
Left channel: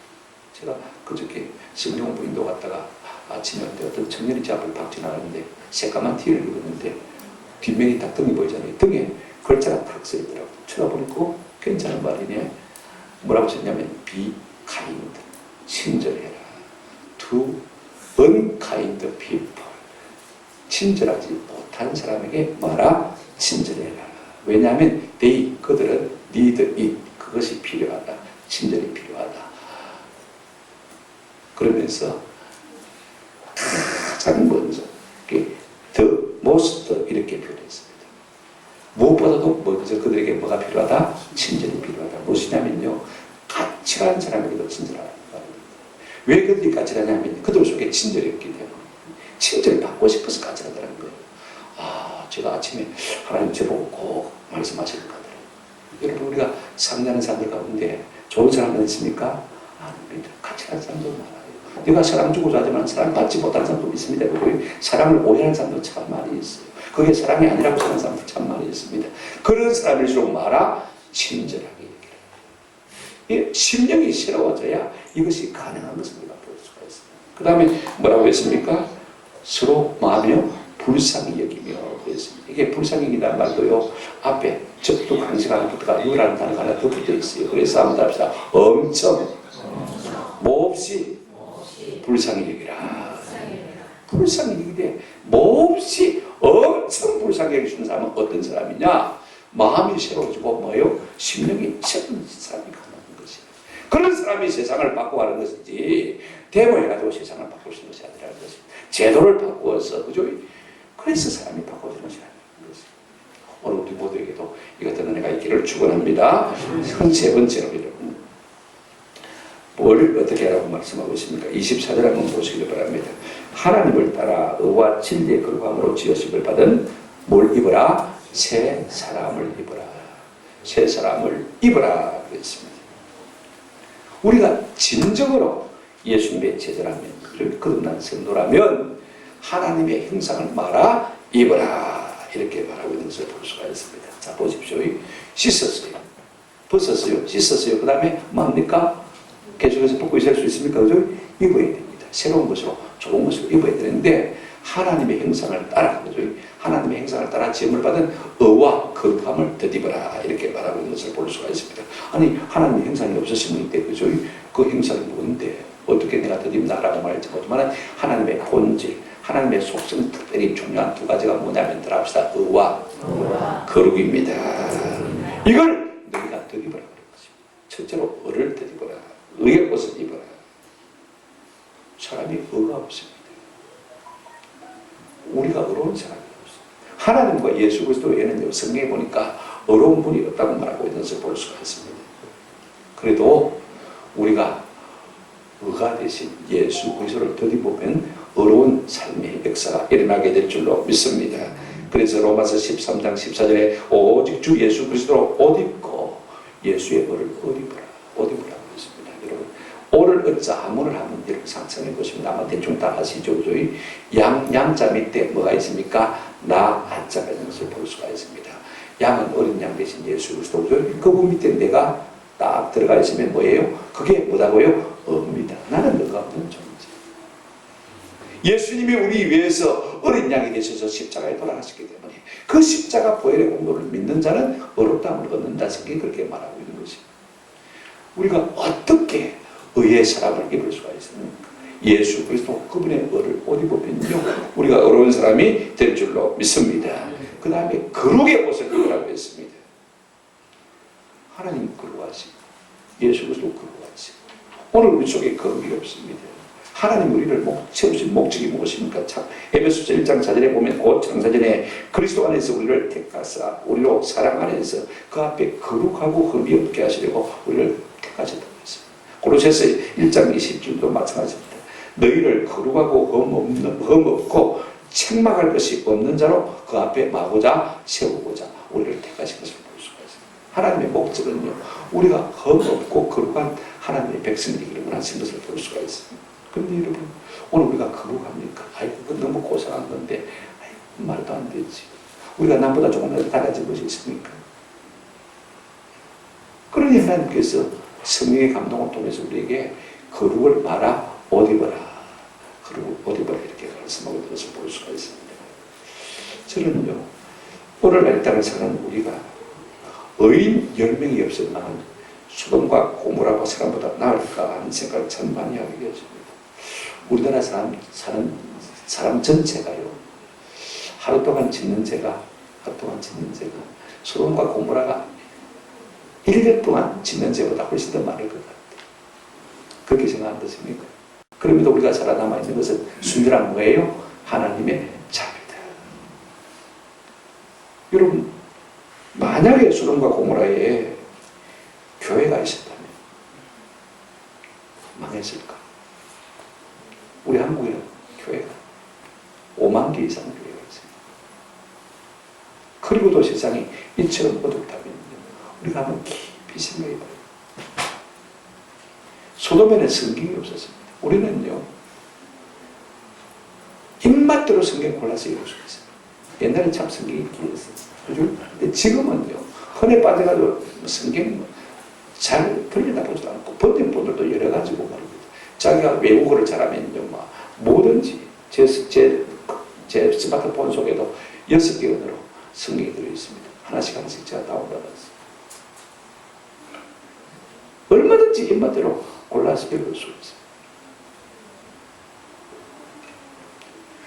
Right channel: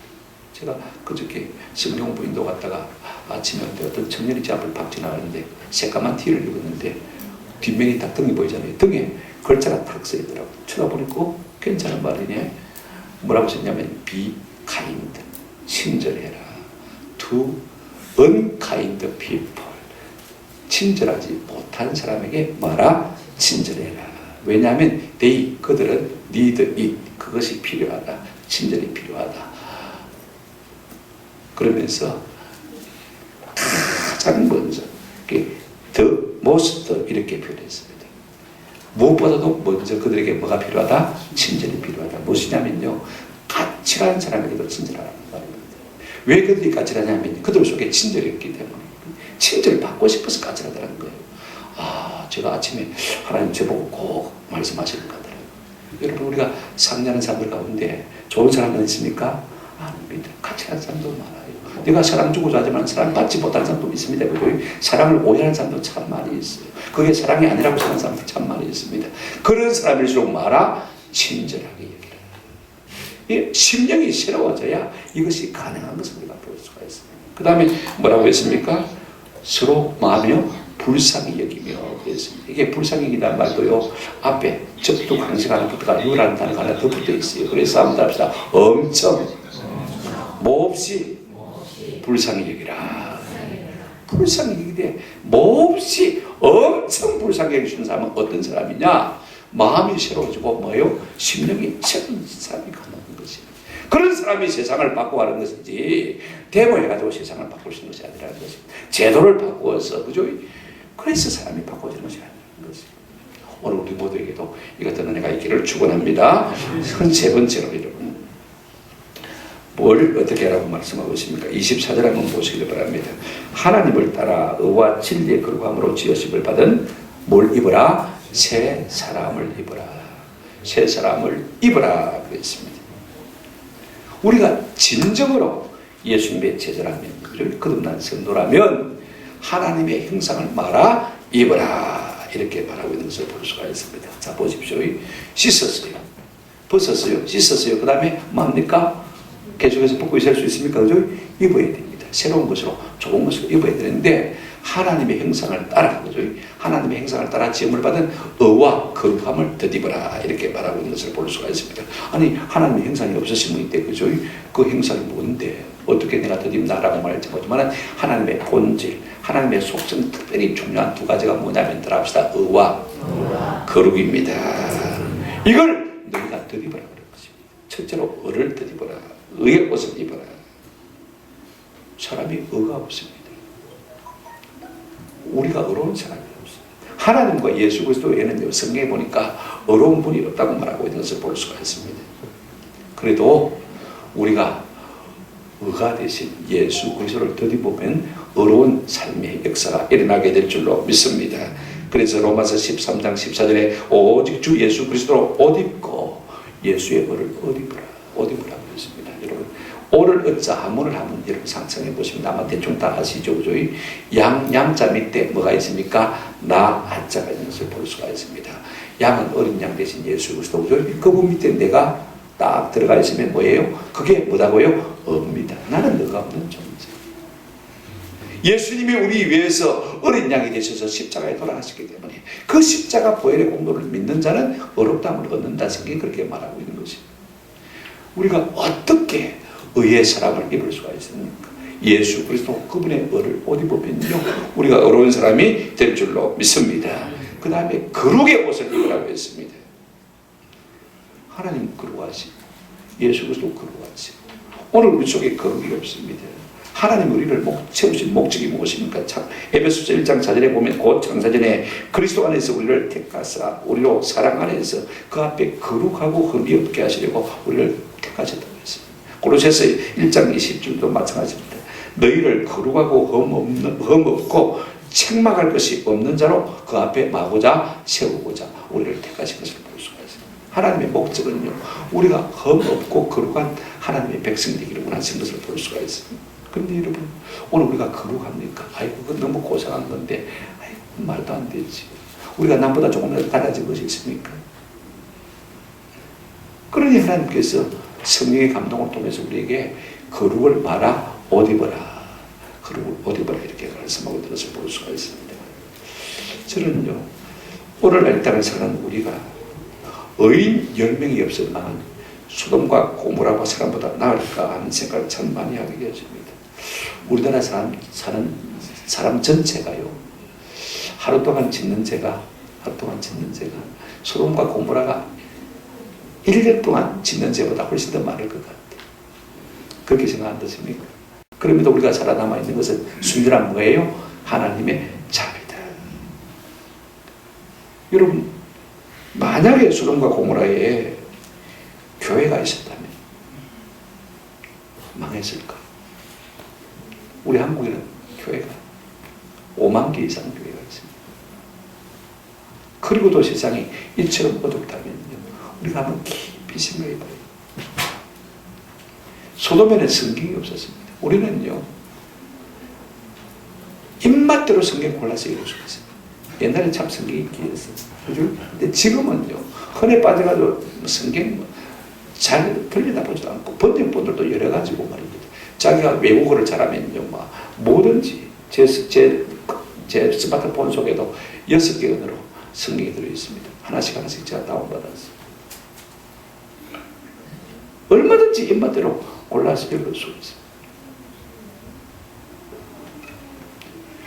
제가 그저께 성령 부인도 갔다가 아침에 어떤 청년이 제 앞을 팍 지나가는데 새까만 티를 입었는데 뒷면이 딱 등이 보이잖아요. 등에 글자가 탁 써있더라고요. 쳐다보니까 괜찮은 말이네. 뭐라고 썼냐면 be kind, 친절해라. to unkind people, 친절하지 못한 사람에게 말아 친절해라. 왜냐하면 they, 그들은 need it, 그것이 필요하다. 친절이 필요하다. 그러면서 가장 먼저 the most 이렇게 표현했습니다. 무엇보다도 먼저 그들에게 뭐가 필요하다? 친절이 필요하다. 무엇이냐면요, 까칠한 사람에게도 친절하라는 말입니다. 왜 그들이 까칠하냐면 그들 속에 친절이 없기 때문에 친절을 받고 싶어서 까칠하다는 거예요. 아, 제가 아침에 하나님 저보고 꼭 말씀하시는 것 같아요. 여러분, 우리가 상대하는 사람들 가운데 좋은 사람은 있습니까? 아닙니다. 까칠한 사람도 많아요. 내가 사랑 주고자 하지만 사랑 받지 못하는 사람도 있습니다. 그리고 사랑을 오해하는 사람도 참 많이 있어요. 그게 사랑이 아니라고 사는 사람도 참 많이 있습니다. 그런 사람일수록 말아 친절하게 얘기를. 심령이 새로워져야 이것이 가능한 것을 우리가 볼 수가 있습니다. 그 다음에 뭐라고 했습니까? 서로 마며 불쌍히 여기며 그랬습니다. 이게 불쌍히 여기다는 말도요, 앞에 적도 강식 하나 붙어가 유라는 단어가 하나 더 붙어 있어요. 그래서 한번 합시다. 엄청 몹시 불쌍히 여기라. 불쌍히 여기되 몹시 엄청 불쌍히 여기시는 사람은 어떤 사람이냐? 마음이 새로워지고 뭐요? 심령이 새로운 사람이 가능한 것이에요. 그런 사람이 세상을 바꿔가는 것이지 데모해가지고 세상을 바꿀 수 있는 것이 아니라는 것입니다. 제도를 바꾸어서, 그죠? 그래서 사람이 바꿔지는 것이 아니라는 것입니다. 오늘 우리 모두에게도 이 같은 은혜가 있기를 축원합니다. 세 번째로 여러분, 뭘 어떻게 하라고 말씀하고 있습니까? 24절 한번 보시길 바랍니다. 하나님을 따라 의와 진리의 거룩함으로 지으심을 받은 뭘 입어라? 새 사람을 입어라. 새 사람을 입어라 그랬습니다. 우리가 진정으로 예수님의 제자라면, 거듭난 성도라면 하나님의 형상을 말아 입어라, 이렇게 말하고 있는 것을 볼 수가 있습니다. 자, 보십시오. 씻었어요, 벗었어요, 씻었어요. 그 다음에 뭡니까? 계속해서 벗고 있을 수 있습니까? 그죠? 입어야 됩니다. 새로운 것으로, 좋은 것으로 입어야 되는데 하나님의 형상을 따라, 그죠? 하나님의 형상을 따라 지음을 받은 의와 거룩함을 덧입어라, 이렇게 말하고 있는 것을 볼 수가 있습니다. 아니, 하나님의 형상이 없으신 분인데, 그죠? 그 형상이 뭔데 어떻게 내가 덧입나라고 말할지 모르지만 하나님의 본질, 하나님의 속성, 특별히 중요한 두 가지가 뭐냐면 들어갑시다. 의와 거룩입니다. 이걸 너희가 덧입어라 그런 것입니다. 첫째로 의를 덧입어라. 의의 옷을 입어라. 사람이 의가 없습니다. 우리가 의로운 사람이 없습니다. 하나님과 예수 그리스도 외에는 성경에 보니까 의로운 분이 없다고 말하고 있는 것을 볼 수가 있습니다. 그래도 우리가 의가 되신 예수 그리스도를 덧입으면 의로운 삶의 역사가 일어나게 될 줄로 믿습니다. 그래서 로마서 13장 14절에 오직 주 예수 그리스도로 옷 입고 예수의 의를 옷 입으라, 옷 입으라 그랬습니다. 여러분, 오를 어자 하문을 한번 여러분 상상해 보시면 아마 대충 다 아시죠? 그죠? 양자 밑에 뭐가 있습니까? 나 한자가 있는 것을 볼 수가 있습니다. 양은 어린 양 대신 예수 그리스도. 그분 밑에 내가 딱 들어가 있으면 뭐예요? 그게 뭐다고요? 업니다. 나는 너가 없는 존재. 예수님이 우리 위해서 어린 양이 되셔서 십자가에 돌아가셨기 때문에 그 십자가 보혈의 공로를 믿는 자는 어렵다함을 얻는다. 성경이 그렇게 말하고 있는 것입니다. 우리가 어떻게 의의 사랑을 입을 수가 있습니까? 예수 그리스도 그분의 의를 옷 입으면요 우리가 어려운 사람이 될 줄로 믿습니다. 그 다음에 거룩의 옷을 입으라고 했습니다. 하나님 거룩하시고 예수 그리스도 거룩하시고 오늘 우리 속에 거룩이 없습니다. 하나님 우리를 채우신 목적이 무엇입니까? 참 에베소서 1장 4절에 보면 곧 장사전에 그리스도 안에서 우리를 택하사 우리로 사랑 안에서 그 앞에 거룩하고 흠이 없게 하시려고 우리를 택하셨다고 했습니다. 고로새서 1장 20절도 마찬가지입니다. 너희를 거룩하고 흠 없고 책망할 것이 없는 자로 그 앞에 마고자 세우고자 우리를 택하신 것을 볼 수가 있습니다. 하나님의 목적은요 우리가 흠 없고 거룩한 하나님의 백성이 되기를 원하신 것을 볼 수가 있습니다. 그런데 여러분 오늘 우리가 거룩합니까? 아이고 그건 너무 고상한 건데 아이고 말도 안 되지. 우리가 남보다 조금 더 달라진 것이 있습니까? 그러니 하나님께서 성령의 감동을 통해서 우리에게 거룩을 말아 옷 입어라. 거룩을 옷 입어라 이렇게 말씀하고 있는 것을 볼 수가 있습니다. 저는요 오늘날 이 땅을 사는 우리가 의인 10명이 없었나는 소돔과 고모라와 사람보다 나을까 하는 생각을 참 많이 하게 되었습니다. 우리나라 사람 전체가요 하루 동안 짓는 죄가 소돔과 고모라가 1년 동안 짓는 죄보다 훨씬 더 많을 것 같아요. 그렇게 생각 안 드십니까? 그럼에도 우리가 살아남아 있는 것은 순전한 뭐예요? 하나님의 자비다. 여러분 만약에 소돔과 고모라에 교회가 있었다면 망했을까? 우리 한국에는 교회가 5만 개 이상 교회가 있습니다. 그리고도 세상이 이처럼 어둡다면요 우리가 한번 깊이 생각해 봐요. 소돔에는 성경이 없었습니다. 우리는요 입맛대로 성경 골라서 읽을 수가 있어요. 옛날에 참 성경이 귀했어요. 근데 지금은요 흔해 빠져가지고 성경 잘 들여다보지도 않고 번역본들도 여러 가지고 말입니다. 자기가 외국어를 잘하면요 뭐든지 제 스마트폰 속에도 6개 언어로 성경이 들어있습니다. 하나씩 제가 다운받았어요. 얼마든지 입맛대로 골라서 읽을 수 있습니다.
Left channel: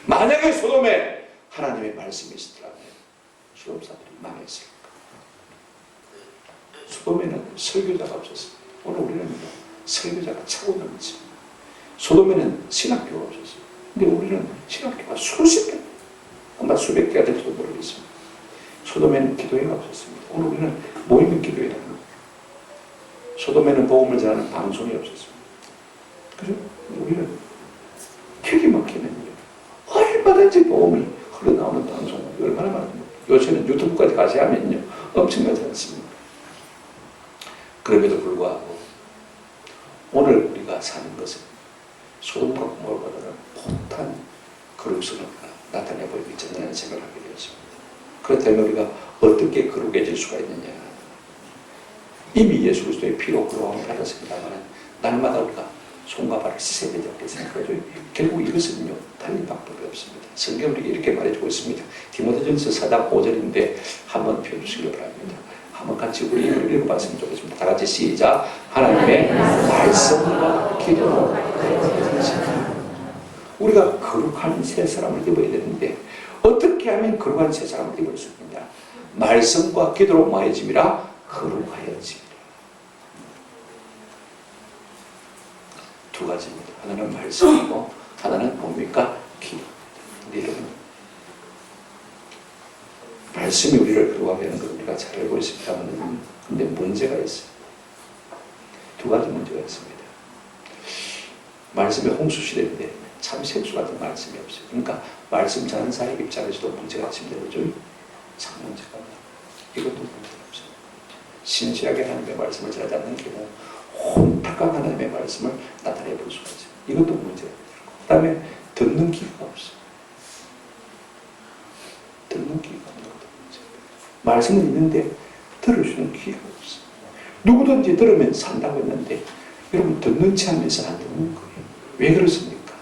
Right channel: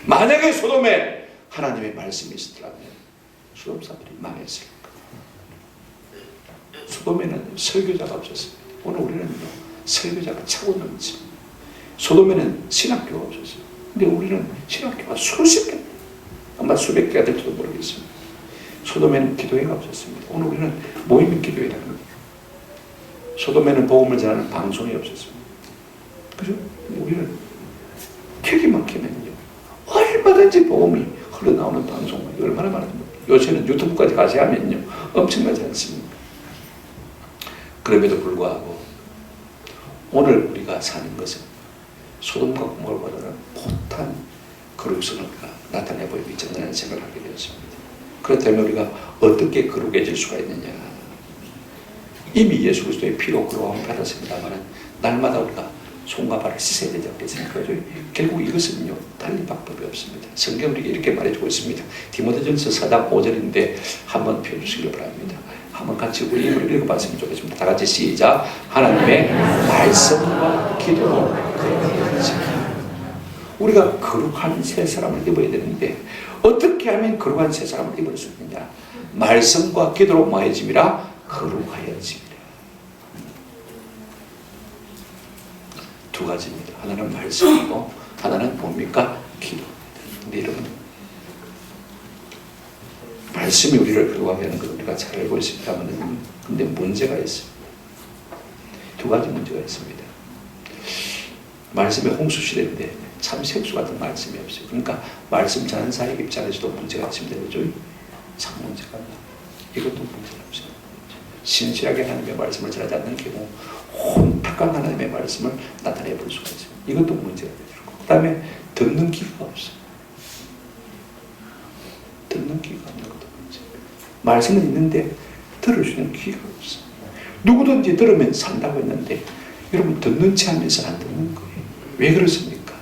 만약에 소돔에 하나님의 말씀이 있었다면 소돔 사람들이 망했을까? 소돔에는 설교자가 없었습니다. 오늘 우리는 설교자가 차고 넘칩니다. 소돔에는 신학교가 없었습니다. 근데 우리는 신학교가 수십 개, 아마 수백 개가 될지도 모르겠습니다. 소돔에는 기도회가 없었습니다. 오늘 우리는 모임의 기도회라는 겁니다. 소돔에는 복음을 전하는 방송이 없었습니다. 그죠? 우리는 되게 막히면요 얼마든지 복음이 흘러나오는 방송이 얼마나 많은지 요새는 유튜브까지 가시 하면요 엄청나지 않습니까? 그럼에도 불구하고 오늘 우리가 사는 것은 소돔과 고모라보다는 못한 거룩성을 나타내 보이고 있지 않느냐는 생각을 하게 되었습니다. 그렇다면 우리가 어떻게 거룩해질 수가 있느냐? 이미 예수 그리스도의 피로 거룩함을 받았습니다만 날마다 우리가 손과 발을 씻어야 되지 않겠습니까? 결국 이것은요 달리 방법이 없습니다. 성경이 이렇게 말해주고 있습니다. 디모데전서 4장 5절인데 한번 펴주시길 바랍니다. 한번 같이 우리 입을 읽어봤으면 좋겠습니다. 다 같이 시작. 하나님의 말씀과 기도로 거룩해지라. 우리가 거룩한 새 사람을 입어야 되는데 어떻게 하면 거룩한 새 사람을 입을 수 있느냐? 말씀과 기도로 뭐해짐이라? 거룩하여짐이라. 두 가지입니다. 하나는 말씀이고 하나는 뭡니까? 기도입니다. 근데 여러분 말씀이 우리를 거룩하게 하는 걸 우리가 잘 알고 있습니다만 근데 문제가 있어요. 두 가지 문제가 있습니다. 말씀의 홍수 시대인데 참 생수 같은 말씀이 없어요. 그러니까 말씀 전하는 사회 입장에서도 문제가 있습니다. 그렇죠? 참 문제가 없나. 이것도 문제가 없어요. 신실하게 하나님의 말씀을 전하지 않는 경우 혼탁 확실한 하나님의 말씀을 나타내 볼 수가 있습니다. 이것도 문제가 되고, 그 다음에 듣는 귀가 없어요. 듣는 귀가 없는 것도 문제입니다. 말씀은 있는데 들어주는 귀가 없어요. 누구든지 들으면 산다고 했는데 여러분 듣는 체 하면서 안 듣는 거예요. 왜 그렇습니까?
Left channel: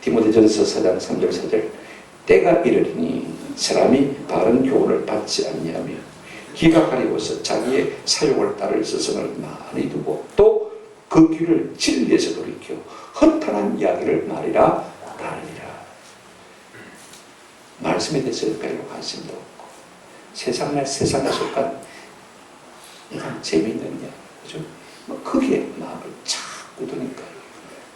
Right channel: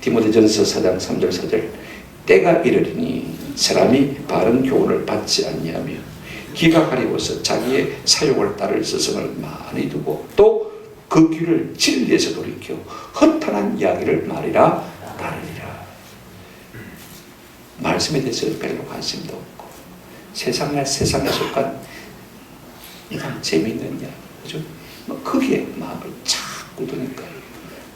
디모데전서 4장 3절 4절 때가 이르리니 사람이 바른 교훈을 받지 않냐며 귀가 가리워서 자기의 사욕을 따를 스승을 많이 두고 또 그 귀를 진리에서 돌이켜 허탄한 이야기를 말이라 따르리라. 말씀에 대해서 별로 관심도 없고 세상에 속한 그냥 재미있는 이야기, 그죠? 거기에 마음을 자꾸 두니까요.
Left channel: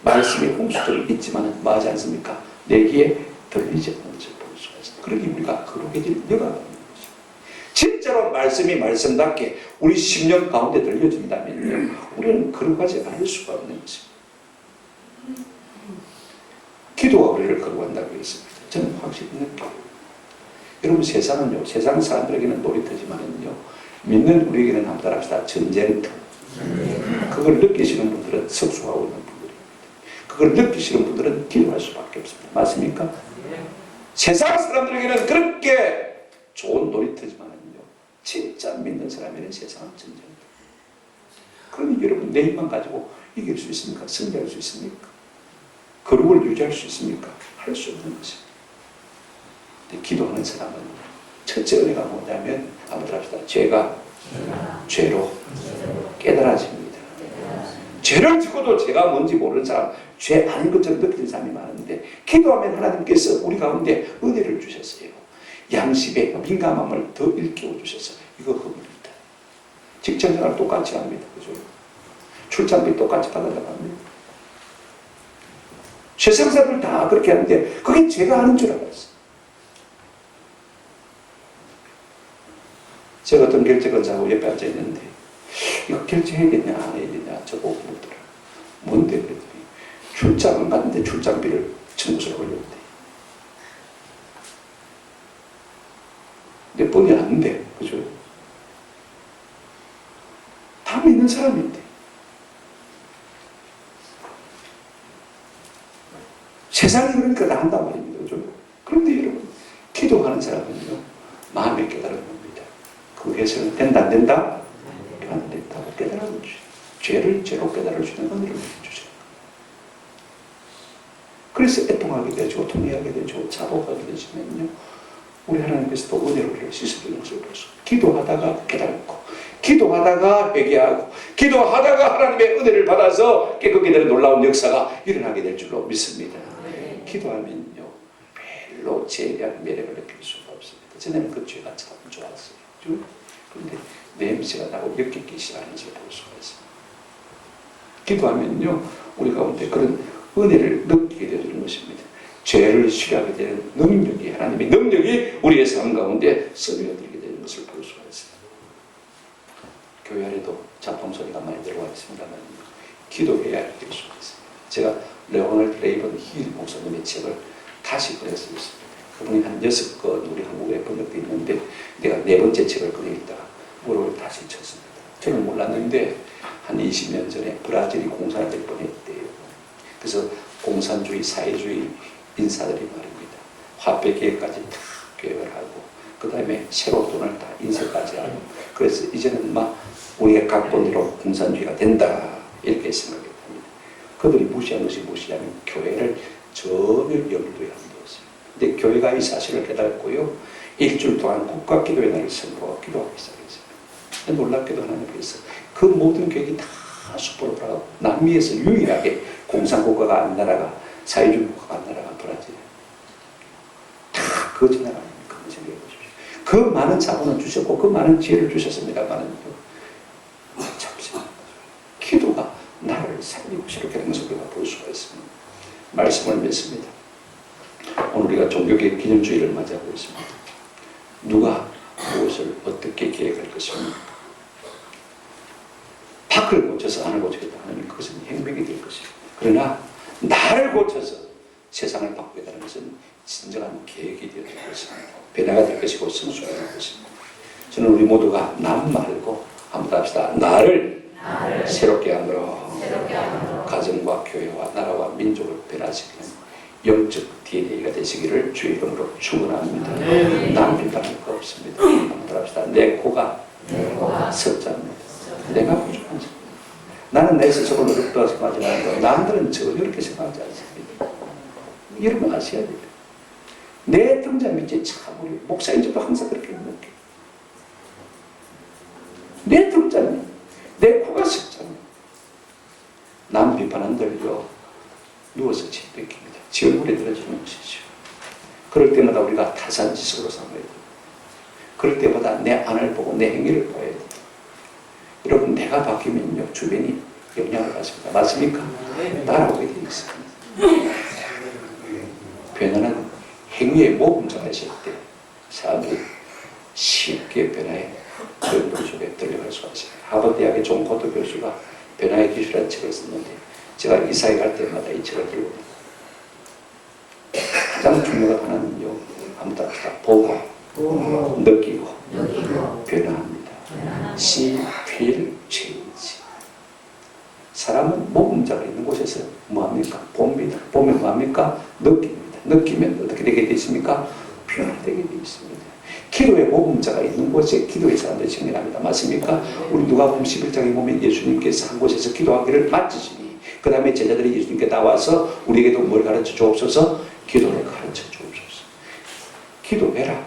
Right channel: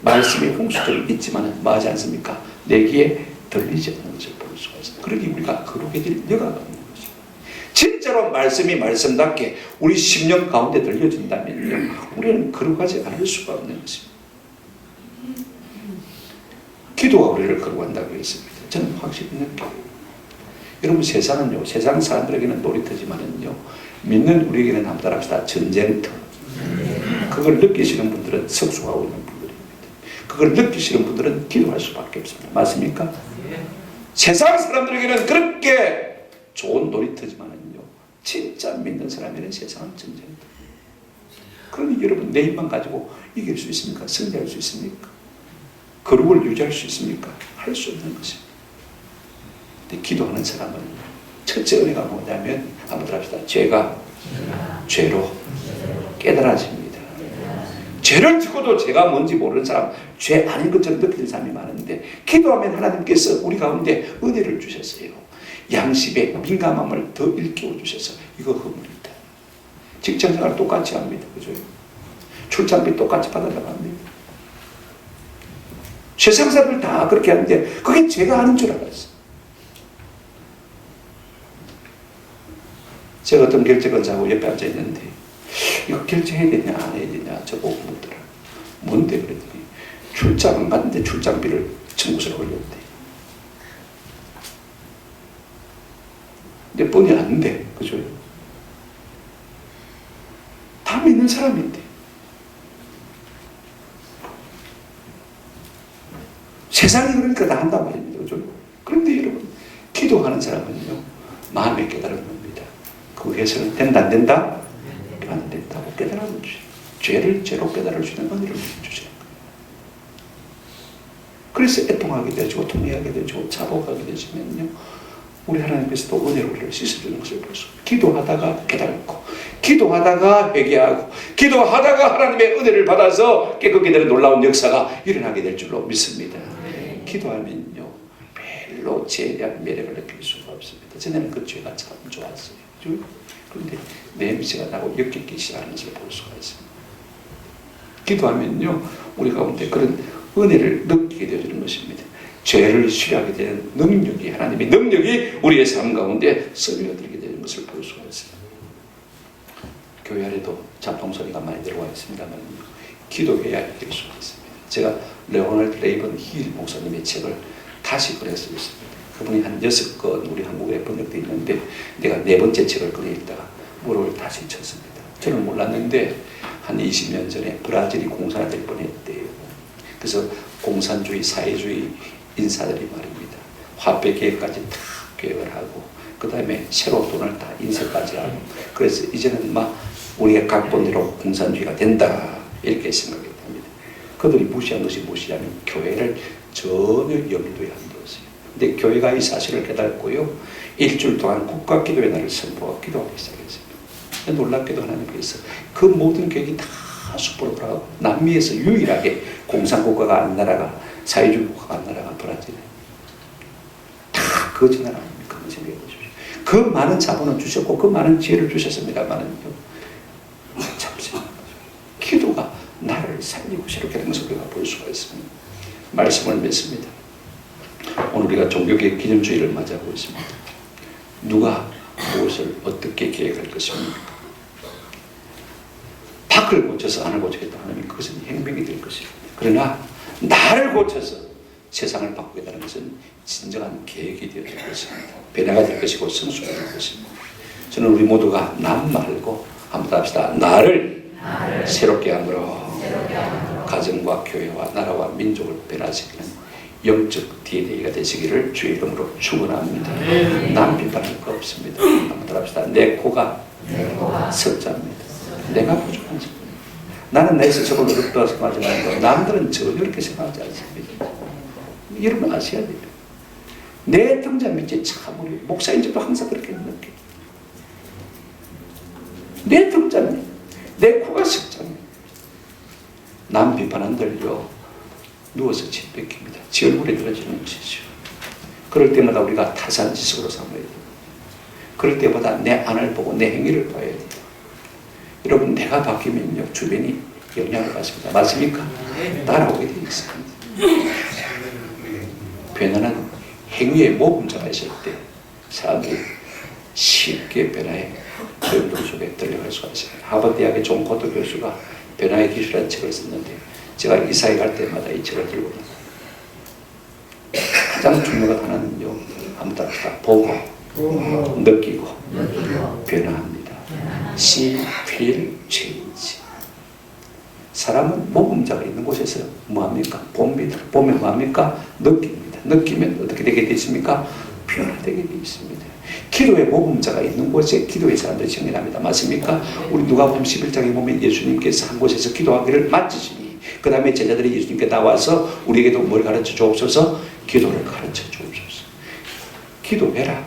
말씀의 홍수들은 있지만 뭐하지 않습니까? 내 귀에 들리지 않는 것을 볼 수가 있습니다. 그러니 우리가 거룩에 될 여가가 없는 거죠. 진짜로 말씀이 말씀답게 우리 심령 가운데 들려진다면요, 우리는 거룩하지 않을 수가 없는 것입니다. 기도가 우리를 거룩한다고 했습니다. 저는 확실히 느껴요. 여러분 세상은요, 세상 사람들에게는 놀이터지만은요, 믿는 우리에게는 한번 따라합시다. 전쟁터. 그걸 느끼시는 분들은 성숙하고 있는 분들입니다. 그걸 느끼시는 분들은 기도할 수밖에 없습니다. 맞습니까? 세상 사람들에게는 그렇게 좋은 놀이터지만은요, 진짜 믿는 사람에게는 세상은 전쟁터. 그러니 여러분 내 힘만 가지고 이길 수 있습니까? 승리할 수 있습니까? 거룩을 유지할 수 있습니까? 할 수 없는 것입니다. 근데 기도하는 사람은 첫째 은혜가 뭐냐면 한번 합시다. 죄가 죄로 깨달아집니다. 죄를 짓고도 죄가 뭔지 모르는 사람, 죄 아닌 것처럼 느끼는 사람이 많은데 기도하면 하나님께서 우리 가운데 은혜를 주셨어요. 양심의 민감함을 더 일깨워 주셔서 이거 허물이다. 직장생활 똑같이 합니다. 그죠? 출장비 똑같이 받아나갑니다. 세상 사람들 다 그렇게 하는데 그게 죄가 아닌 줄 알았어. 제가 어떤 결제건사하고 옆에 앉아 있는데 이거 결제해야 되냐 안 해야 되냐 저보고 묻더라. 뭔데 그랬더니 출장을 갔는데 출장비를 청구서를 올렸대. 근데 뻔히 안 돼. 그죠? 다 믿는 사람인데 세상이 그러니까 다 한단 말입니다. 그죠? 그런데 여러분 기도하는 사람은요 마음에 깨달은 겁니다. 그 해석은 된다 안 된다? 안 된다고 깨달은 거죠. 죄를 죄로 깨달을 수 있는 은혜를 주시는 거예요. 그래서 애통하게 되죠. 통회하게 되죠. 자복하게 되시면요 우리 하나님께서도 은혜로 우리를 씻어주는 것을 볼 수 있어요. 기도하다가 깨닫고 기도하다가 회개하고 기도하다가 하나님의 은혜를 받아서 깨끗게 되는 놀라운 역사가 일어나게 될 줄로 믿습니다. 기도하면요 별로 죄에 대한 매력을 느낄 수가 없습니다. 전에는 그 죄가 참 좋았어요. 그런데 냄새가 나고 역겹기 시작하는 것을 볼 수가 있습니다. 기도하면요 우리 가운데 그런 은혜를 느끼게 되는 것입니다. 죄를 쉬하게 되는 능력이, 하나님의 능력이 우리의 삶 가운데 스며들게 되는 것을 볼 수가 있습니다. 교회 안에도 잡동소리가 많이 들어와 있습니다만 기도해야 될 수가 있습니다. 제가 레오널드 레이번 힐 목사님의 책을 다시 꺼냈습니다. 그분이 한 6권 우리 한국에 번역되어 있는데 내가 4번째 책을 꺼내 읽다가 무릎을 다시 쳤습니다. 저는 몰랐는데 한 20년 전에 브라질이 공산화될 뻔했대요. 그래서 공산주의, 사회주의 인사들이 말입니다. 화폐 계획까지 다 계획을 하고 그 다음에 새로 돈을 다 인쇄까지 하고 그래서 이제는 막 우리가 각본 대로 공산주의가 된다 이렇게 생각했답니다. 그들이 무시한 것이 무엇이냐면 교회를 전혀 염두에 안 두었어요. 근데 교회가 이 사실을 깨닫고요 일주일 동안 국가기도의 날을 선포하고 기도하기 시작했습니다. 놀랍게도 하나님께서 그 모든 계획이 다 수포로 돌아가고 남미에서 유일하게 공산국가가 안 나라가 사회주의 국가가 안 나라가 브라질에 다 거짓 나라 아닙니까? 그 많은 자본을 주셨고 그 많은 지혜를 주셨습니다만은요 참신한 거죠. 기도가 나를 살리고 새롭게 하는 것을 우리가 볼 수가 있습니다. 말씀을 믿습니다. 오늘 우리가 종교개혁 기념주의를 맞이하고 있습니다. 누가 무엇을 어떻게 계획할 것입니까? 밖을 고쳐서 안을 고치겠다 하면 그것은 행명이 될 것입니다. 그러나 나를 고쳐서 세상을 바꾸겠다는 것은 진정한 계획이 되어야 될 것입니다. 변화가 될 것이고 성숙이 될 것입니다. 저는 우리 모두가 남 말고 한번 합시다. 나를 새롭게 함으로 가정과 교회와 나라와 민족을 변화시키는 영적 DNA가 되시기를 주의 이름으로 축원합니다. 남 비판할 거 없습니다. 한번 따라합시다. 내 코가 석자입니다. 내가 부족한 점. 나는 내 스스로 어렵다고 생각하지만 남들은 전혀 그렇게 생각하지 않습니다. 여러분 아셔야 돼요. 내 등자 밑에 참 우리 목사인들도 항상 그렇게 느껴요. 내 등자 밑, 내 코가 석자입니다. 남 비판한들요 누워서 침 뱉깁니다. 지 얼굴에 들어지는 것이죠. 그럴 때마다 우리가 타산지석으로 삼아야 돼요. 그럴 때마다 내 안을 보고 내 행위를 봐야 돼요. 여러분 내가 바뀌면요 주변이 영향을 받습니다. 맞습니까? 따라오게 되어 있습니다. 변화는 행위의 모범자가 있을 때 사람들이 쉽게 변화의 변동 속에 들려갈 수가 있습니다. 하버드대학의 존 코트 교수가 변화의 기술이라는 책을 썼는데 제가 이사회 갈 때마다 이 책을 들고 가장 중요한 하나는요 한번 답시다. 보고 느끼고 변화합니다. See, feel, change. 사람은 모범자가 있는 곳에서 뭐합니까? 봅니다. 보면 뭐합니까? 느낍니다. 느끼면 어떻게 되게 되십니까? 변화되게 되어 있습니다. 기도의 모범자가 있는 곳에 기도의 사람들이 정리합니다. 맞습니까? 우리 누가복음 11장에 보면 예수님께서 한 곳에서 기도하기를 마치시니 그 다음에 제자들이 예수님께 나와서 우리에게도 뭘 가르쳐 주옵소서? 기도를 가르쳐 주옵소서. 기도해라.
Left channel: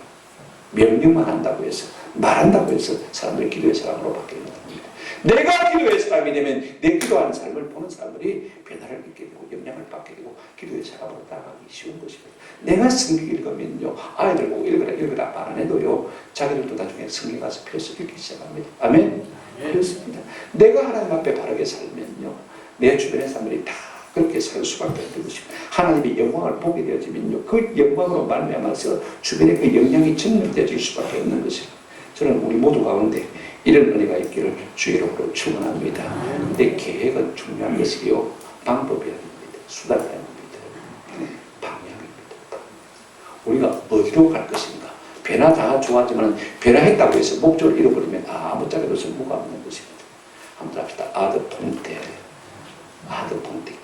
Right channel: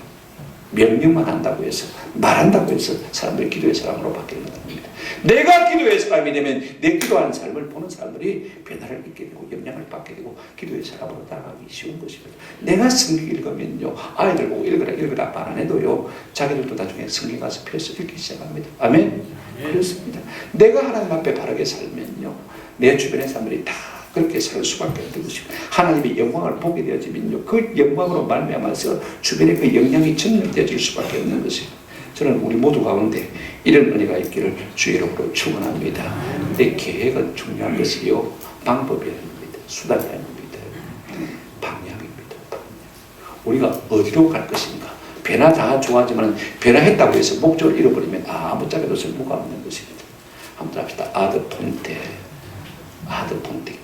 명령만 한다고 해서 말한다고 해서 사람들이 기도의 사람으로 바뀌는 겁니다. 내가 기도의 사람이 되면 내 기도하는 삶을 보는 사람들이 변화를 잊게 되고 영향을 받게 되고 기도의 사람으로 나아가기 쉬운 것입니다. 내가 성경 읽으면요 아이들 보고 읽으라 말 안 해도요 자기들도 나중에 성경 가서 펴서 읽기 시작합니다. 아멘? 그렇습니다. 내가 하나님 앞에 바르게 살면요 내 주변의 사람들이 다 그렇게 살 수밖에 없는 것입니다. 하나님의 영광을 보게 되어지면요 그 영광으로 말미암아서 주변에 그 영향이 전염되어질 수밖에 없는 것입니다. 저는 우리 모두 가운데 이런 은혜가 있기를 주의 이름으로 축원합니다. 근데 계획은 중요한 것이요 방법이 아닙니다. 수단이 아닙니다. 방향입니다. 우리가 어디로 갈 것인가. 변화 다 좋아하지만 변화했다고 해서 목적을 잃어버리면 아무 짝에도 쓸모가 없는 것입니다. 한번 합시다. 아드폰테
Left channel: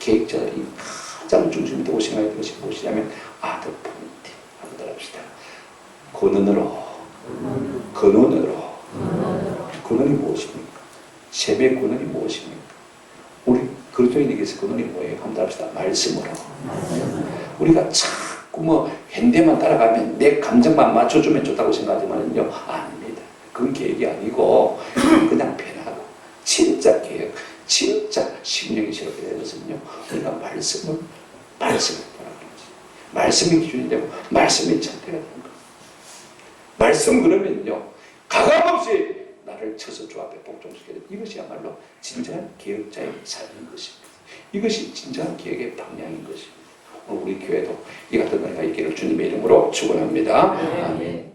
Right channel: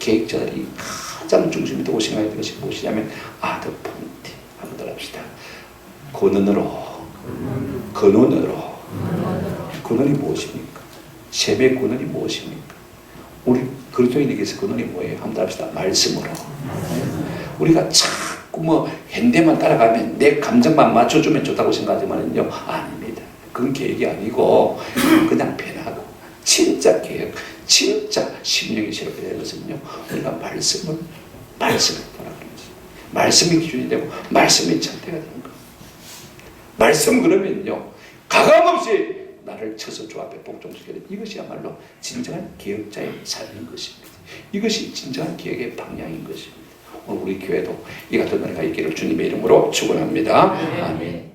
계획자들이 가장 중심이 되고 생각해야 될 것이 무엇이냐면 아드폰테 한번 합시다. 근원으로 근원이 무엇입니까? 세배의 근원이 무엇입니까? 우리 그리스도인에게서 근원이 뭐예요? 한번 합시다. 말씀으로. 우리가 자꾸 뭐 현대만 따라가면 내 감정만 맞춰주면 좋다고 생각하지만요 아닙니다. 그건 계획이 아니고 그냥 변하고 진짜 계획, 진짜 심령이 새롭게 되는 것은요 우리가 말씀을 보라는 거지. 말씀이 기준이 되고 말씀이 절대가 되는 거예요. 말씀 그러면요 가감없이 나를 쳐서 주 앞에 복종시켜야 돼. 이것이야말로 진정한 개혁자의 삶인 것입니다. 이것이 진정한 개혁의 방향인 것입니다. 오늘 우리 교회도 이 같은 은혜가 있기를 주님의 이름으로 축원합니다. 아멘.